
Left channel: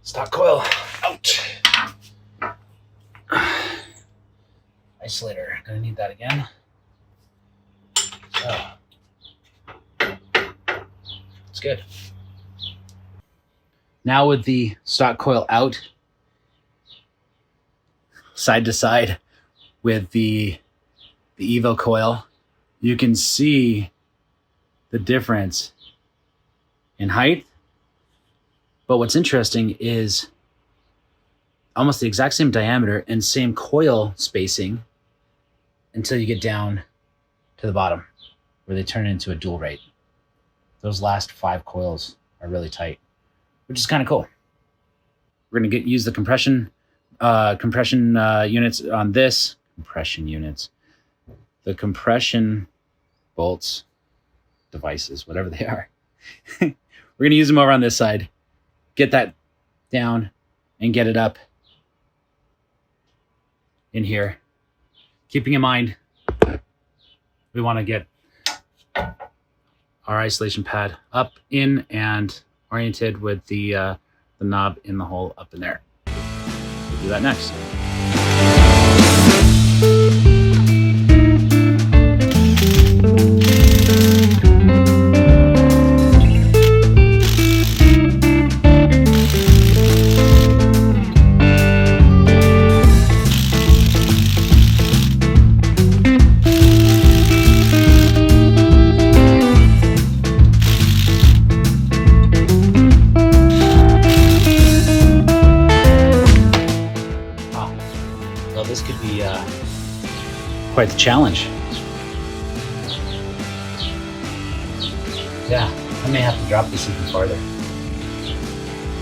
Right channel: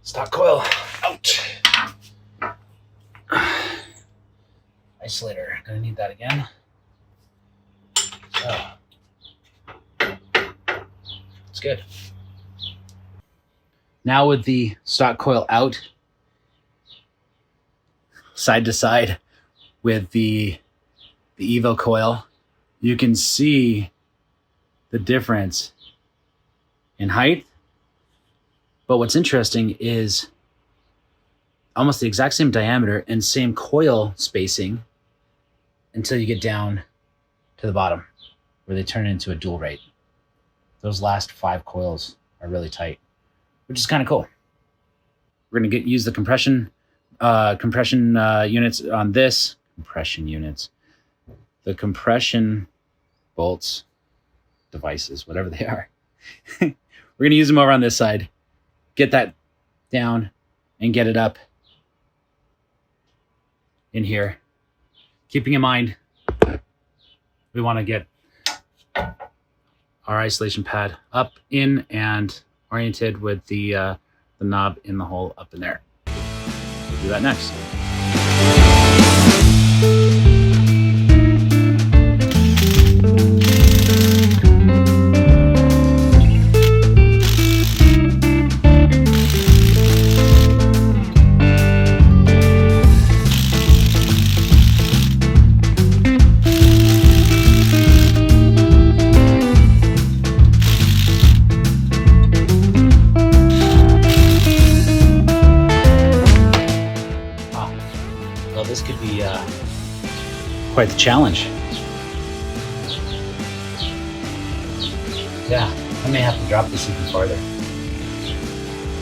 Stock coil out. Isolator, gonna need that again. So, it's good. Now with the stock coil out, side to side with the Evo coil, you can see the difference in height. But what's interesting is almost the exact same diameter and same coil spacing until you get down to the bottom where they turn into a dual rate. Those last 5 coils are really tight, which is kind of cool. We're going to use the compression units on this. The compression bolts, devices, whatever they are. We're going to use them over on this side. Get that down and get it up in here. Keeping in mind, we want to get our isolation pad up, in, and oriented with the knob in the hole up in there. We'll do that next. This could be quite the challenge. Yeah, I may have to drop this even farther.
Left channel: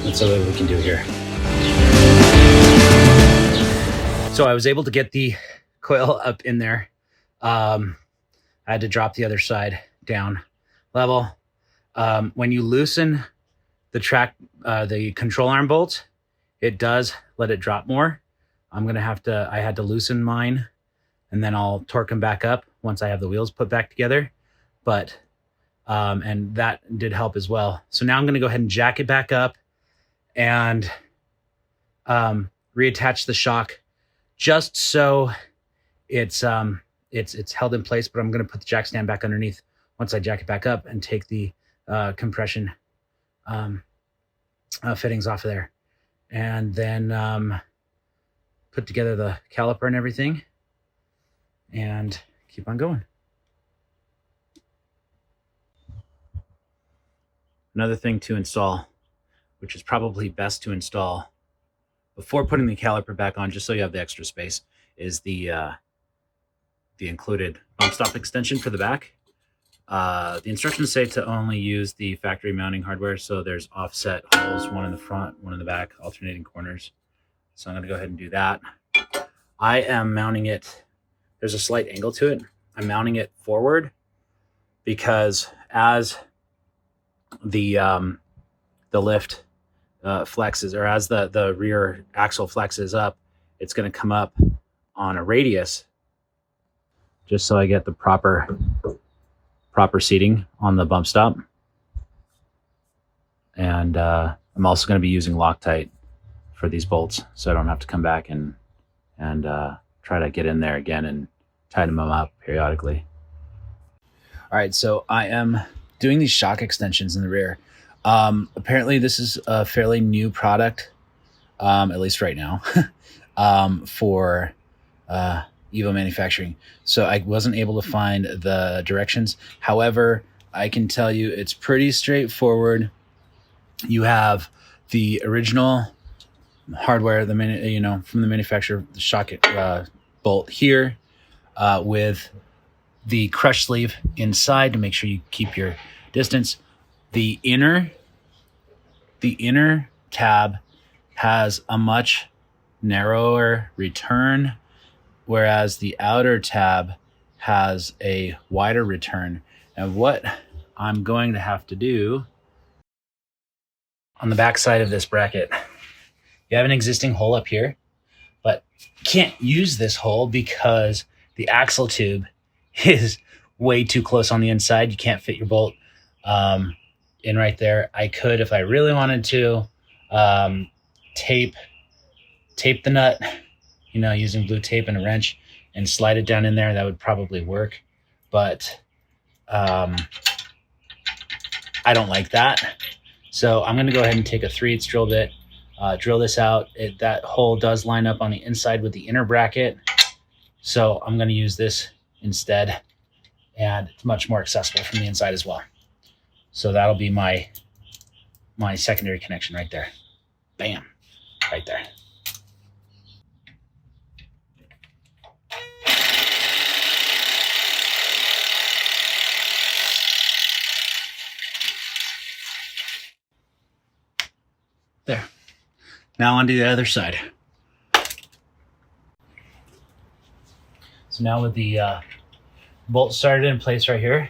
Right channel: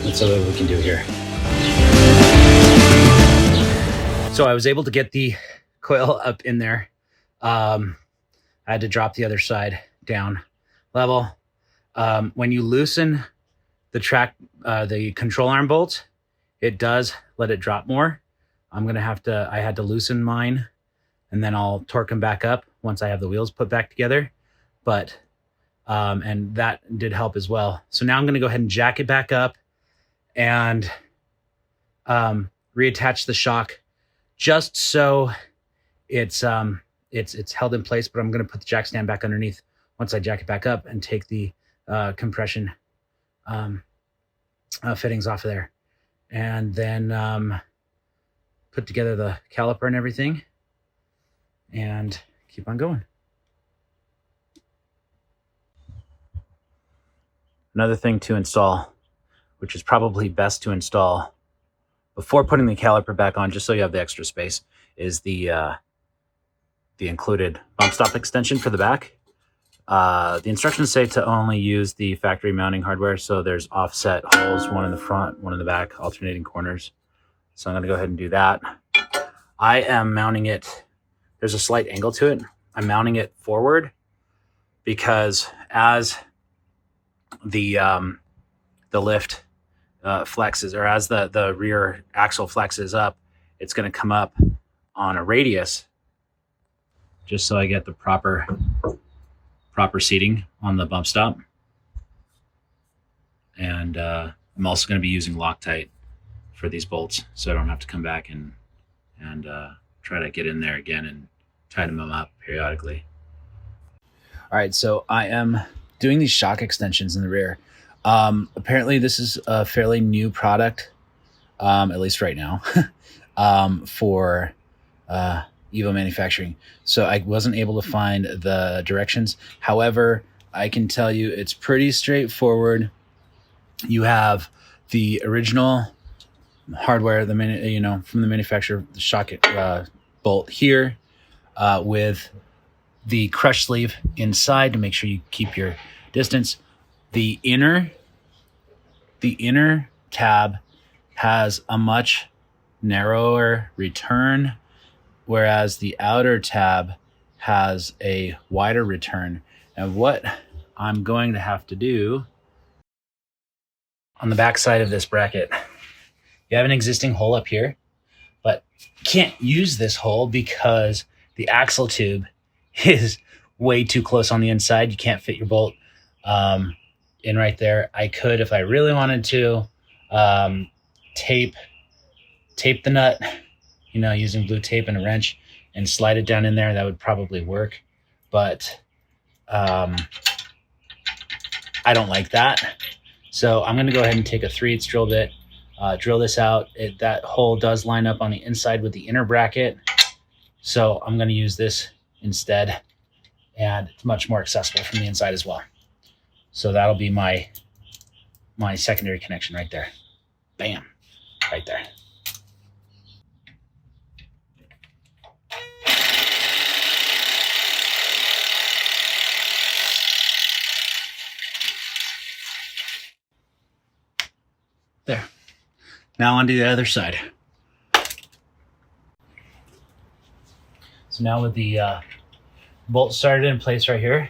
That's all we can do here. So I was able to get the coil up in there. I had to drop the other side down level. When you loosen the control arm bolt, it does let it drop more. I had to loosen mine, and then I'll torque them back up once I have the wheels put back together. But, and that did help as well. So now I'm going to go ahead and jack it back up and reattach the shock just so it's held in place. But I'm going to put the jack stand back underneath once I jack it back up and take the compression fittings off of there. And then put together the caliper and everything and keep on going. Another thing to install, which is probably best to install before putting the caliper back on, just so you have the extra space, is the included bump stop extension for the back. The instructions say to only use the factory mounting hardware, so there's offset holes, one in the front, one in the back, alternating corners. So I'm going to go ahead and do that. I am mounting it. There's a slight angle to it. I'm mounting it forward because as the lift flexes, or as the rear axle flexes up, it's going to come up on a radius, just so I get the proper seating on the bump stop. And I'm also going to be using Loctite for these bolts, so I don't have to come back and try to get in there again and tighten them up periodically. All right, so I am doing these shock extensions in the rear. Apparently this is a fairly new product, at least right now, for Evo manufacturing. So I wasn't able to find the directions. However, I can tell you it's pretty straightforward. You have the original hardware, from the manufacturer, the shock bolt here, with the crush sleeve inside to make sure you keep your distance. The inner tab has a much narrower return, whereas the outer tab has a wider return. And what I'm going to have to do on the back side of this bracket you have an existing hole up here, but can't use this hole because the axle tube is way too close on the inside. You can't fit your bolt in right there. I could, if I really wanted to, tape the nut, you know, using blue tape and a wrench, and slide it down in there. That would probably work, but I don't like that. So I'm going to go ahead and take a 3/8 drill bit, drill this out. That hole does line up on the inside with the inner bracket, so I'm going to use this instead, and it's much more accessible from the inside as well. So that'll be my secondary connection right there. Bam, right there. There. Now onto the other side. So now with the bolt started in place right here,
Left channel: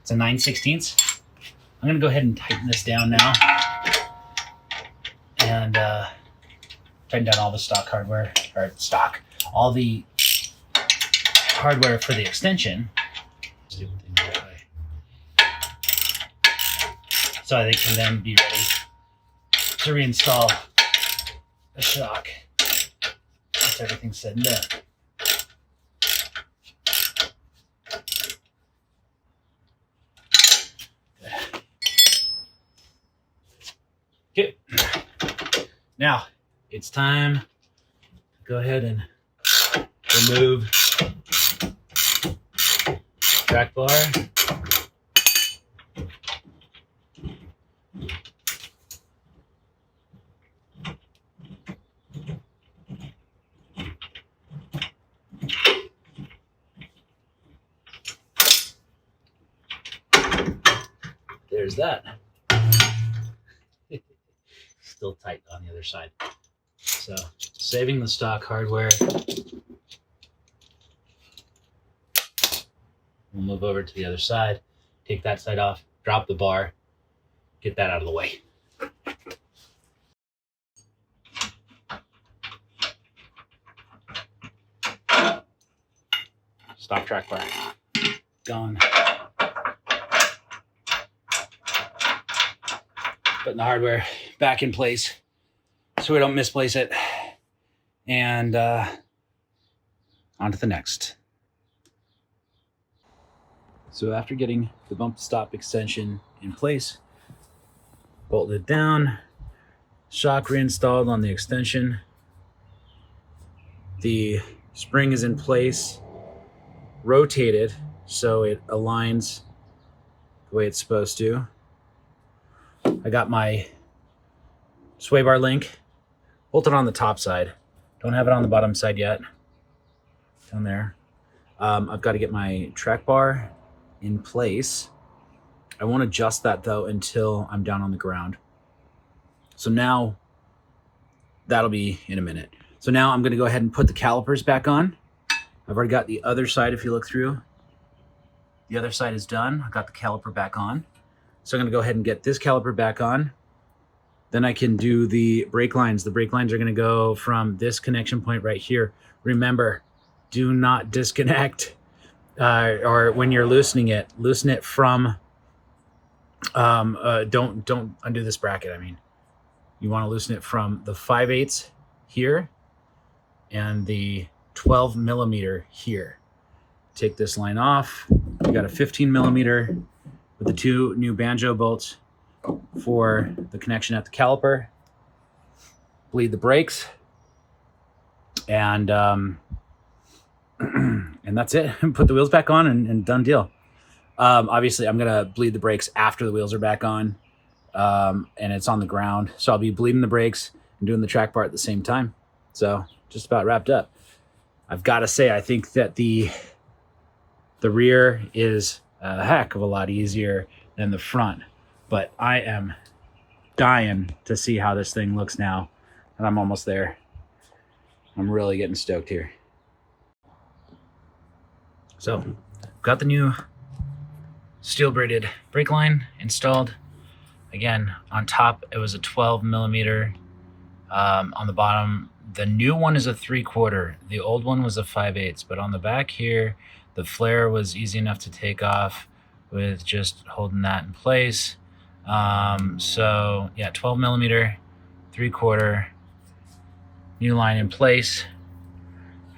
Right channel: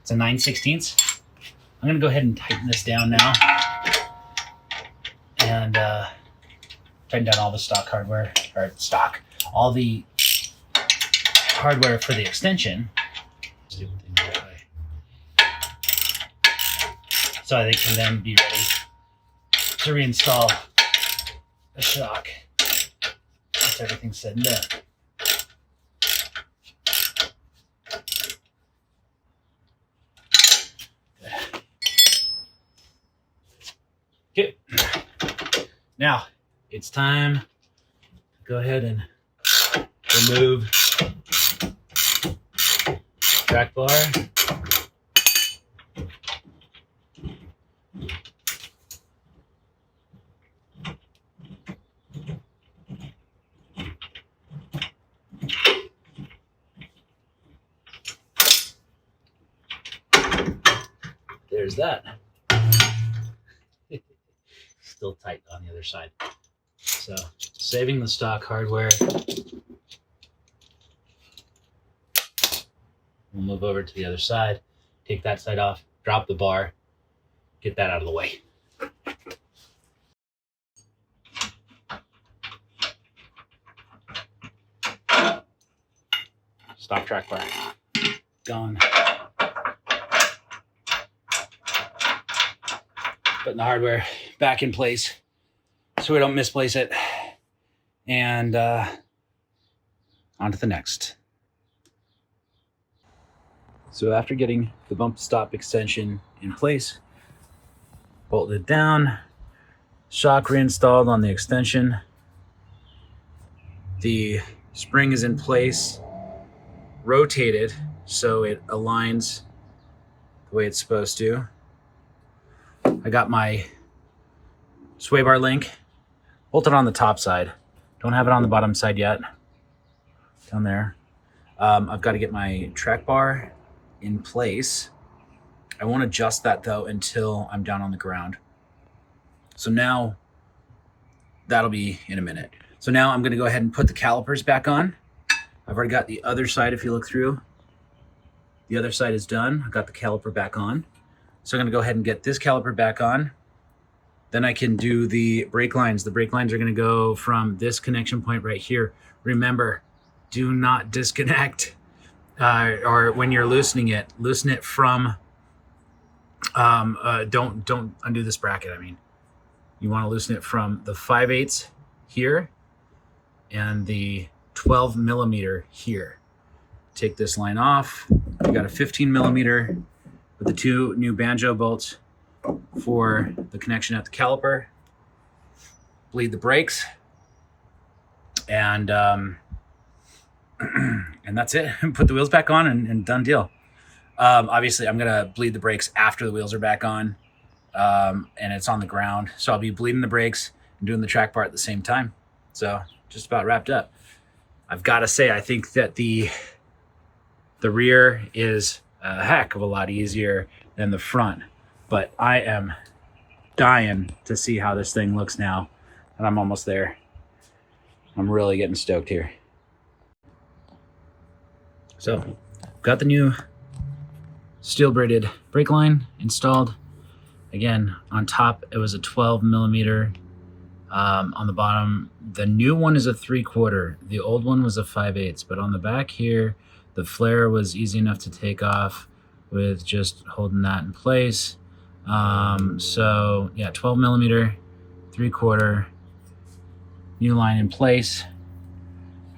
it's a 9/16. I'm gonna go ahead and tighten this down now, and tighten down all the stock hardware, or all the hardware for the extension. So they can then be ready to reinstall the shock once everything's said and done. Okay. Now it's time to go ahead and remove track bar. There's that. Still tight on the other side. So saving the stock hardware. We'll move over to the other side, take that side off, drop the bar, get that out of the way. Stock track bar gone. Putting the hardware back in place so we don't misplace it. And on to the next. So after getting the bump stop extension in place, bolted down, shock reinstalled on the extension, the spring is in place, rotated so it aligns the way it's supposed to. I got my sway bar link bolted on the top side. Don't have it on the bottom side yet. Down there. I've got to get my track bar in place. I won't adjust that though until I'm down on the ground. So now that'll be in a minute. So now I'm going to go ahead and put the calipers back on. I've already got the other side. If you look through, the other side is done. I've got the caliper back on. So I'm going to go ahead and get this caliper back on. Then I can do the brake lines. The brake lines are going to go from this connection point right here. Remember, do not disconnect, or when you're loosen it from, don't undo this bracket. I mean, you want to loosen it from the 5/8 here and the 12 millimeter here. Take this line off. You got a 15 millimeter with the 2 new banjo bolts for the connection at the caliper. Bleed the brakes, and that's it. Put the wheels back on and done deal. Obviously, I'm gonna bleed the brakes after the wheels are back on, and it's on the ground. So I'll be bleeding the brakes and doing the track bar at the same time. So just about wrapped up. I've got to say, I think that the rear is a heck of a lot easier than the front, but I am dying to see how this thing looks now, and I'm almost there. I'm really getting stoked here. So got the new steel braided brake line installed. Again, on top it was a 12 millimeter On the bottom, the new one is a 3/4. The old one was a 5/8. But on the back here, the flare was easy enough to take off with just holding that in place. So yeah, 12 millimeter, 3/4, new line in place.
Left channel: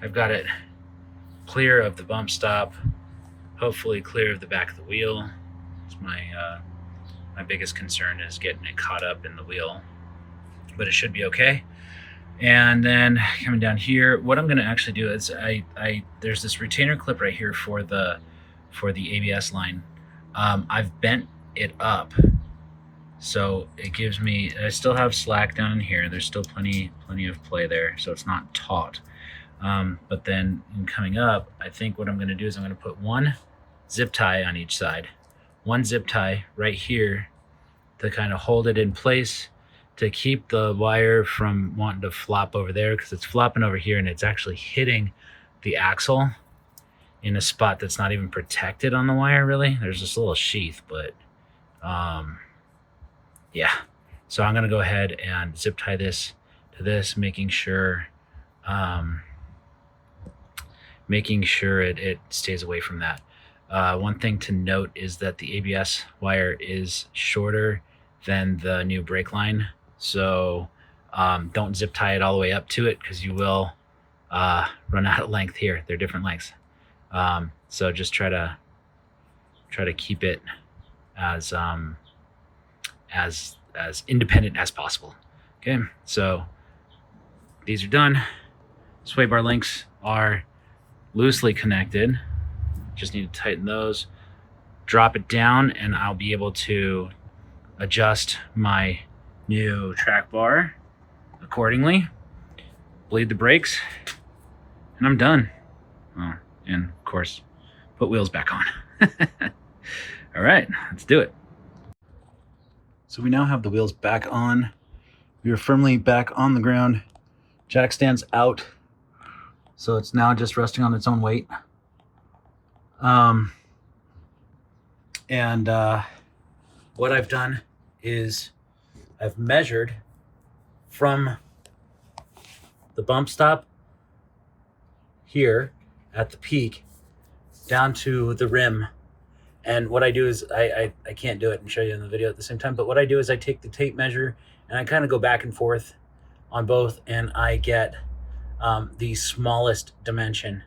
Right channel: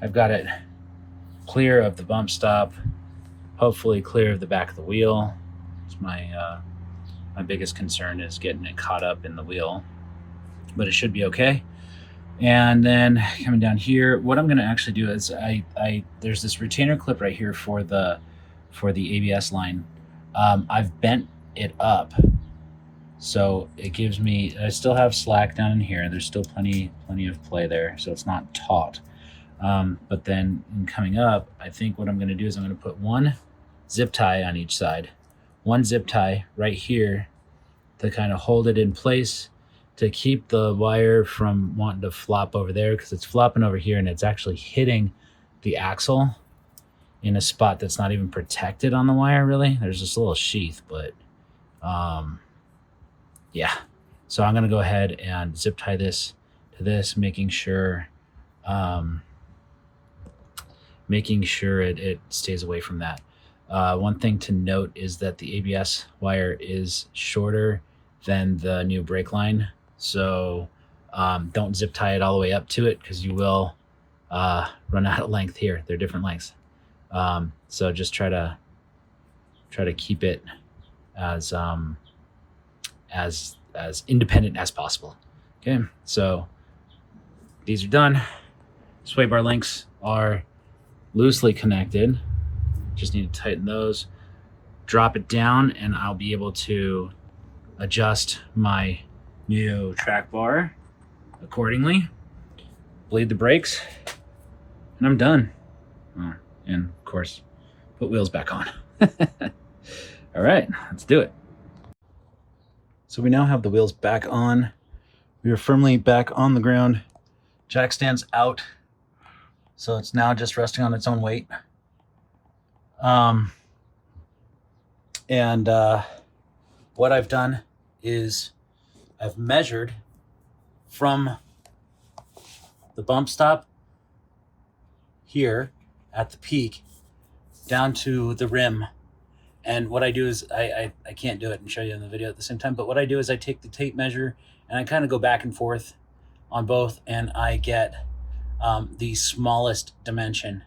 I've got it clear of the bump stop, hopefully clear of the back of the wheel. It's my biggest concern is getting it caught up in the wheel, but it should be okay. And then coming down here, what I'm going to actually do is there's this retainer clip right here for the ABS line. I've bent it up, so it gives me, I still have slack down in here. There's still plenty of play there, so it's not taut. But then in coming up, I think what I'm going to do is I'm going to put one zip tie on each side, one zip tie right here to kind of hold it in place, to keep the wire from wanting to flop over there, because it's flopping over here and it's actually hitting the axle in a spot that's not even protected on the wire, really. There's this little sheath, but yeah. So I'm going to go ahead and zip tie this to this, making sure it stays away from that. One thing to note is that the ABS wire is shorter than the new brake line. So don't zip tie it all the way up to it, because you will run out of length here. They're different lengths. So just try to keep it as independent as possible. Okay, so these are done. Sway bar links are loosely connected. Just need to tighten those, drop it down, and I'll be able to adjust my new track bar accordingly, bleed the brakes, and I'm done. Oh, and of course, put wheels back on. All right, let's do it. So we now have the wheels back on. We are firmly back on the ground. Jack stands out, so it's now just resting on its own weight. What I've done is I've measured from the bump stop here at the peak down to the rim. And what I do is I can't do it and show you in the video at the same time, but what I do is I take the tape measure and I kind of go back and forth on both, and I get the smallest dimension.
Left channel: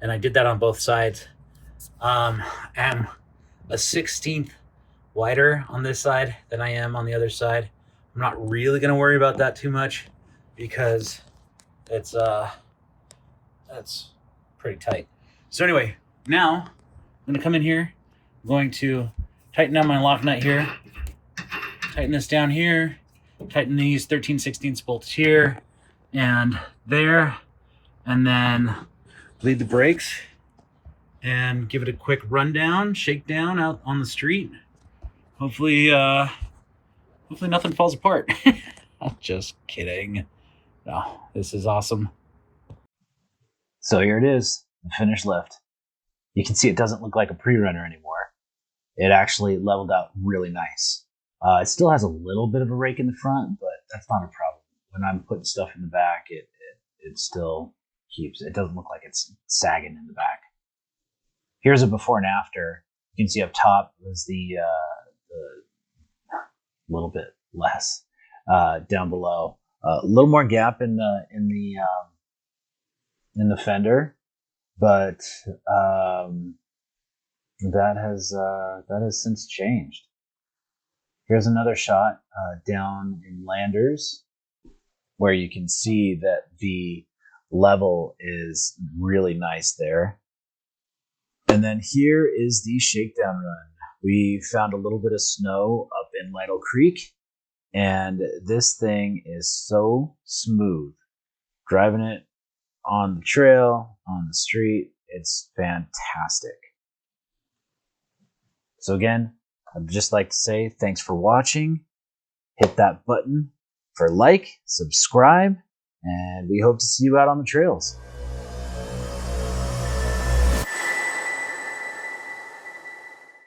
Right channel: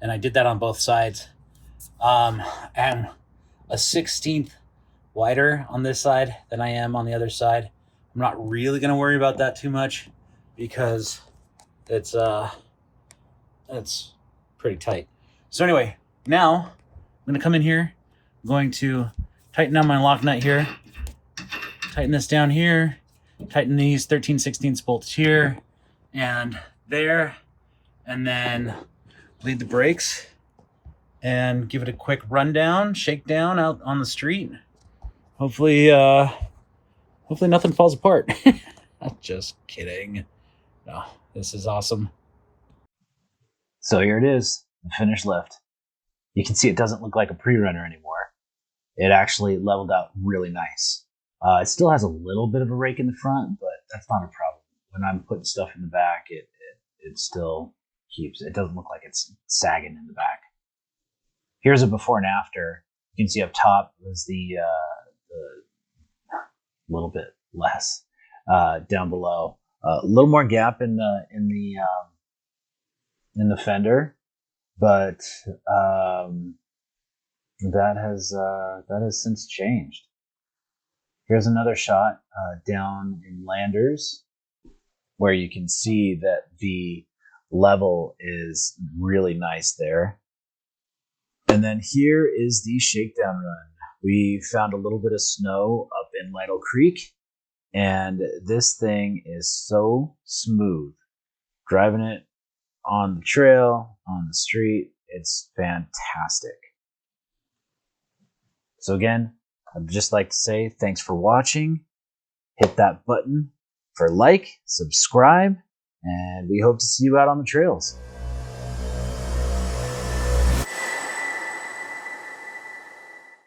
And I did that on both sides. I'm a 1/16 wider on this side than I am on the other side. I'm not really going to worry about that too much, because it's that's pretty tight. So anyway, now I'm going to come in here. I'm going to tighten down my lock nut here, tighten this down here, tighten these 13/16 bolts here and there, and then bleed the brakes and give it a quick rundown, shakedown out on the street. Hopefully nothing falls apart. I'm just kidding. No, this is awesome. So here it is, the finished lift. You can see it doesn't look like a pre-runner anymore. It actually leveled out really nice. It still has a little bit of a rake in the front, but that's not a problem. When I'm putting stuff in the back, it still keeps, it doesn't look like it's sagging in the back. Here's a before and after. You can see up top was the little bit less. Down below, a little more gap in the fender, but that has since changed. Here's another shot down in Landers, where you can see that the level is really nice there. And then here is the shakedown run. We found a little bit of snow up in Lytle Creek, and this thing is so smooth. Driving it on the trail, on the street, it's fantastic. So again, I'd just like to say thanks for watching. Hit that button for like, subscribe, and we hope to see you out on the trails.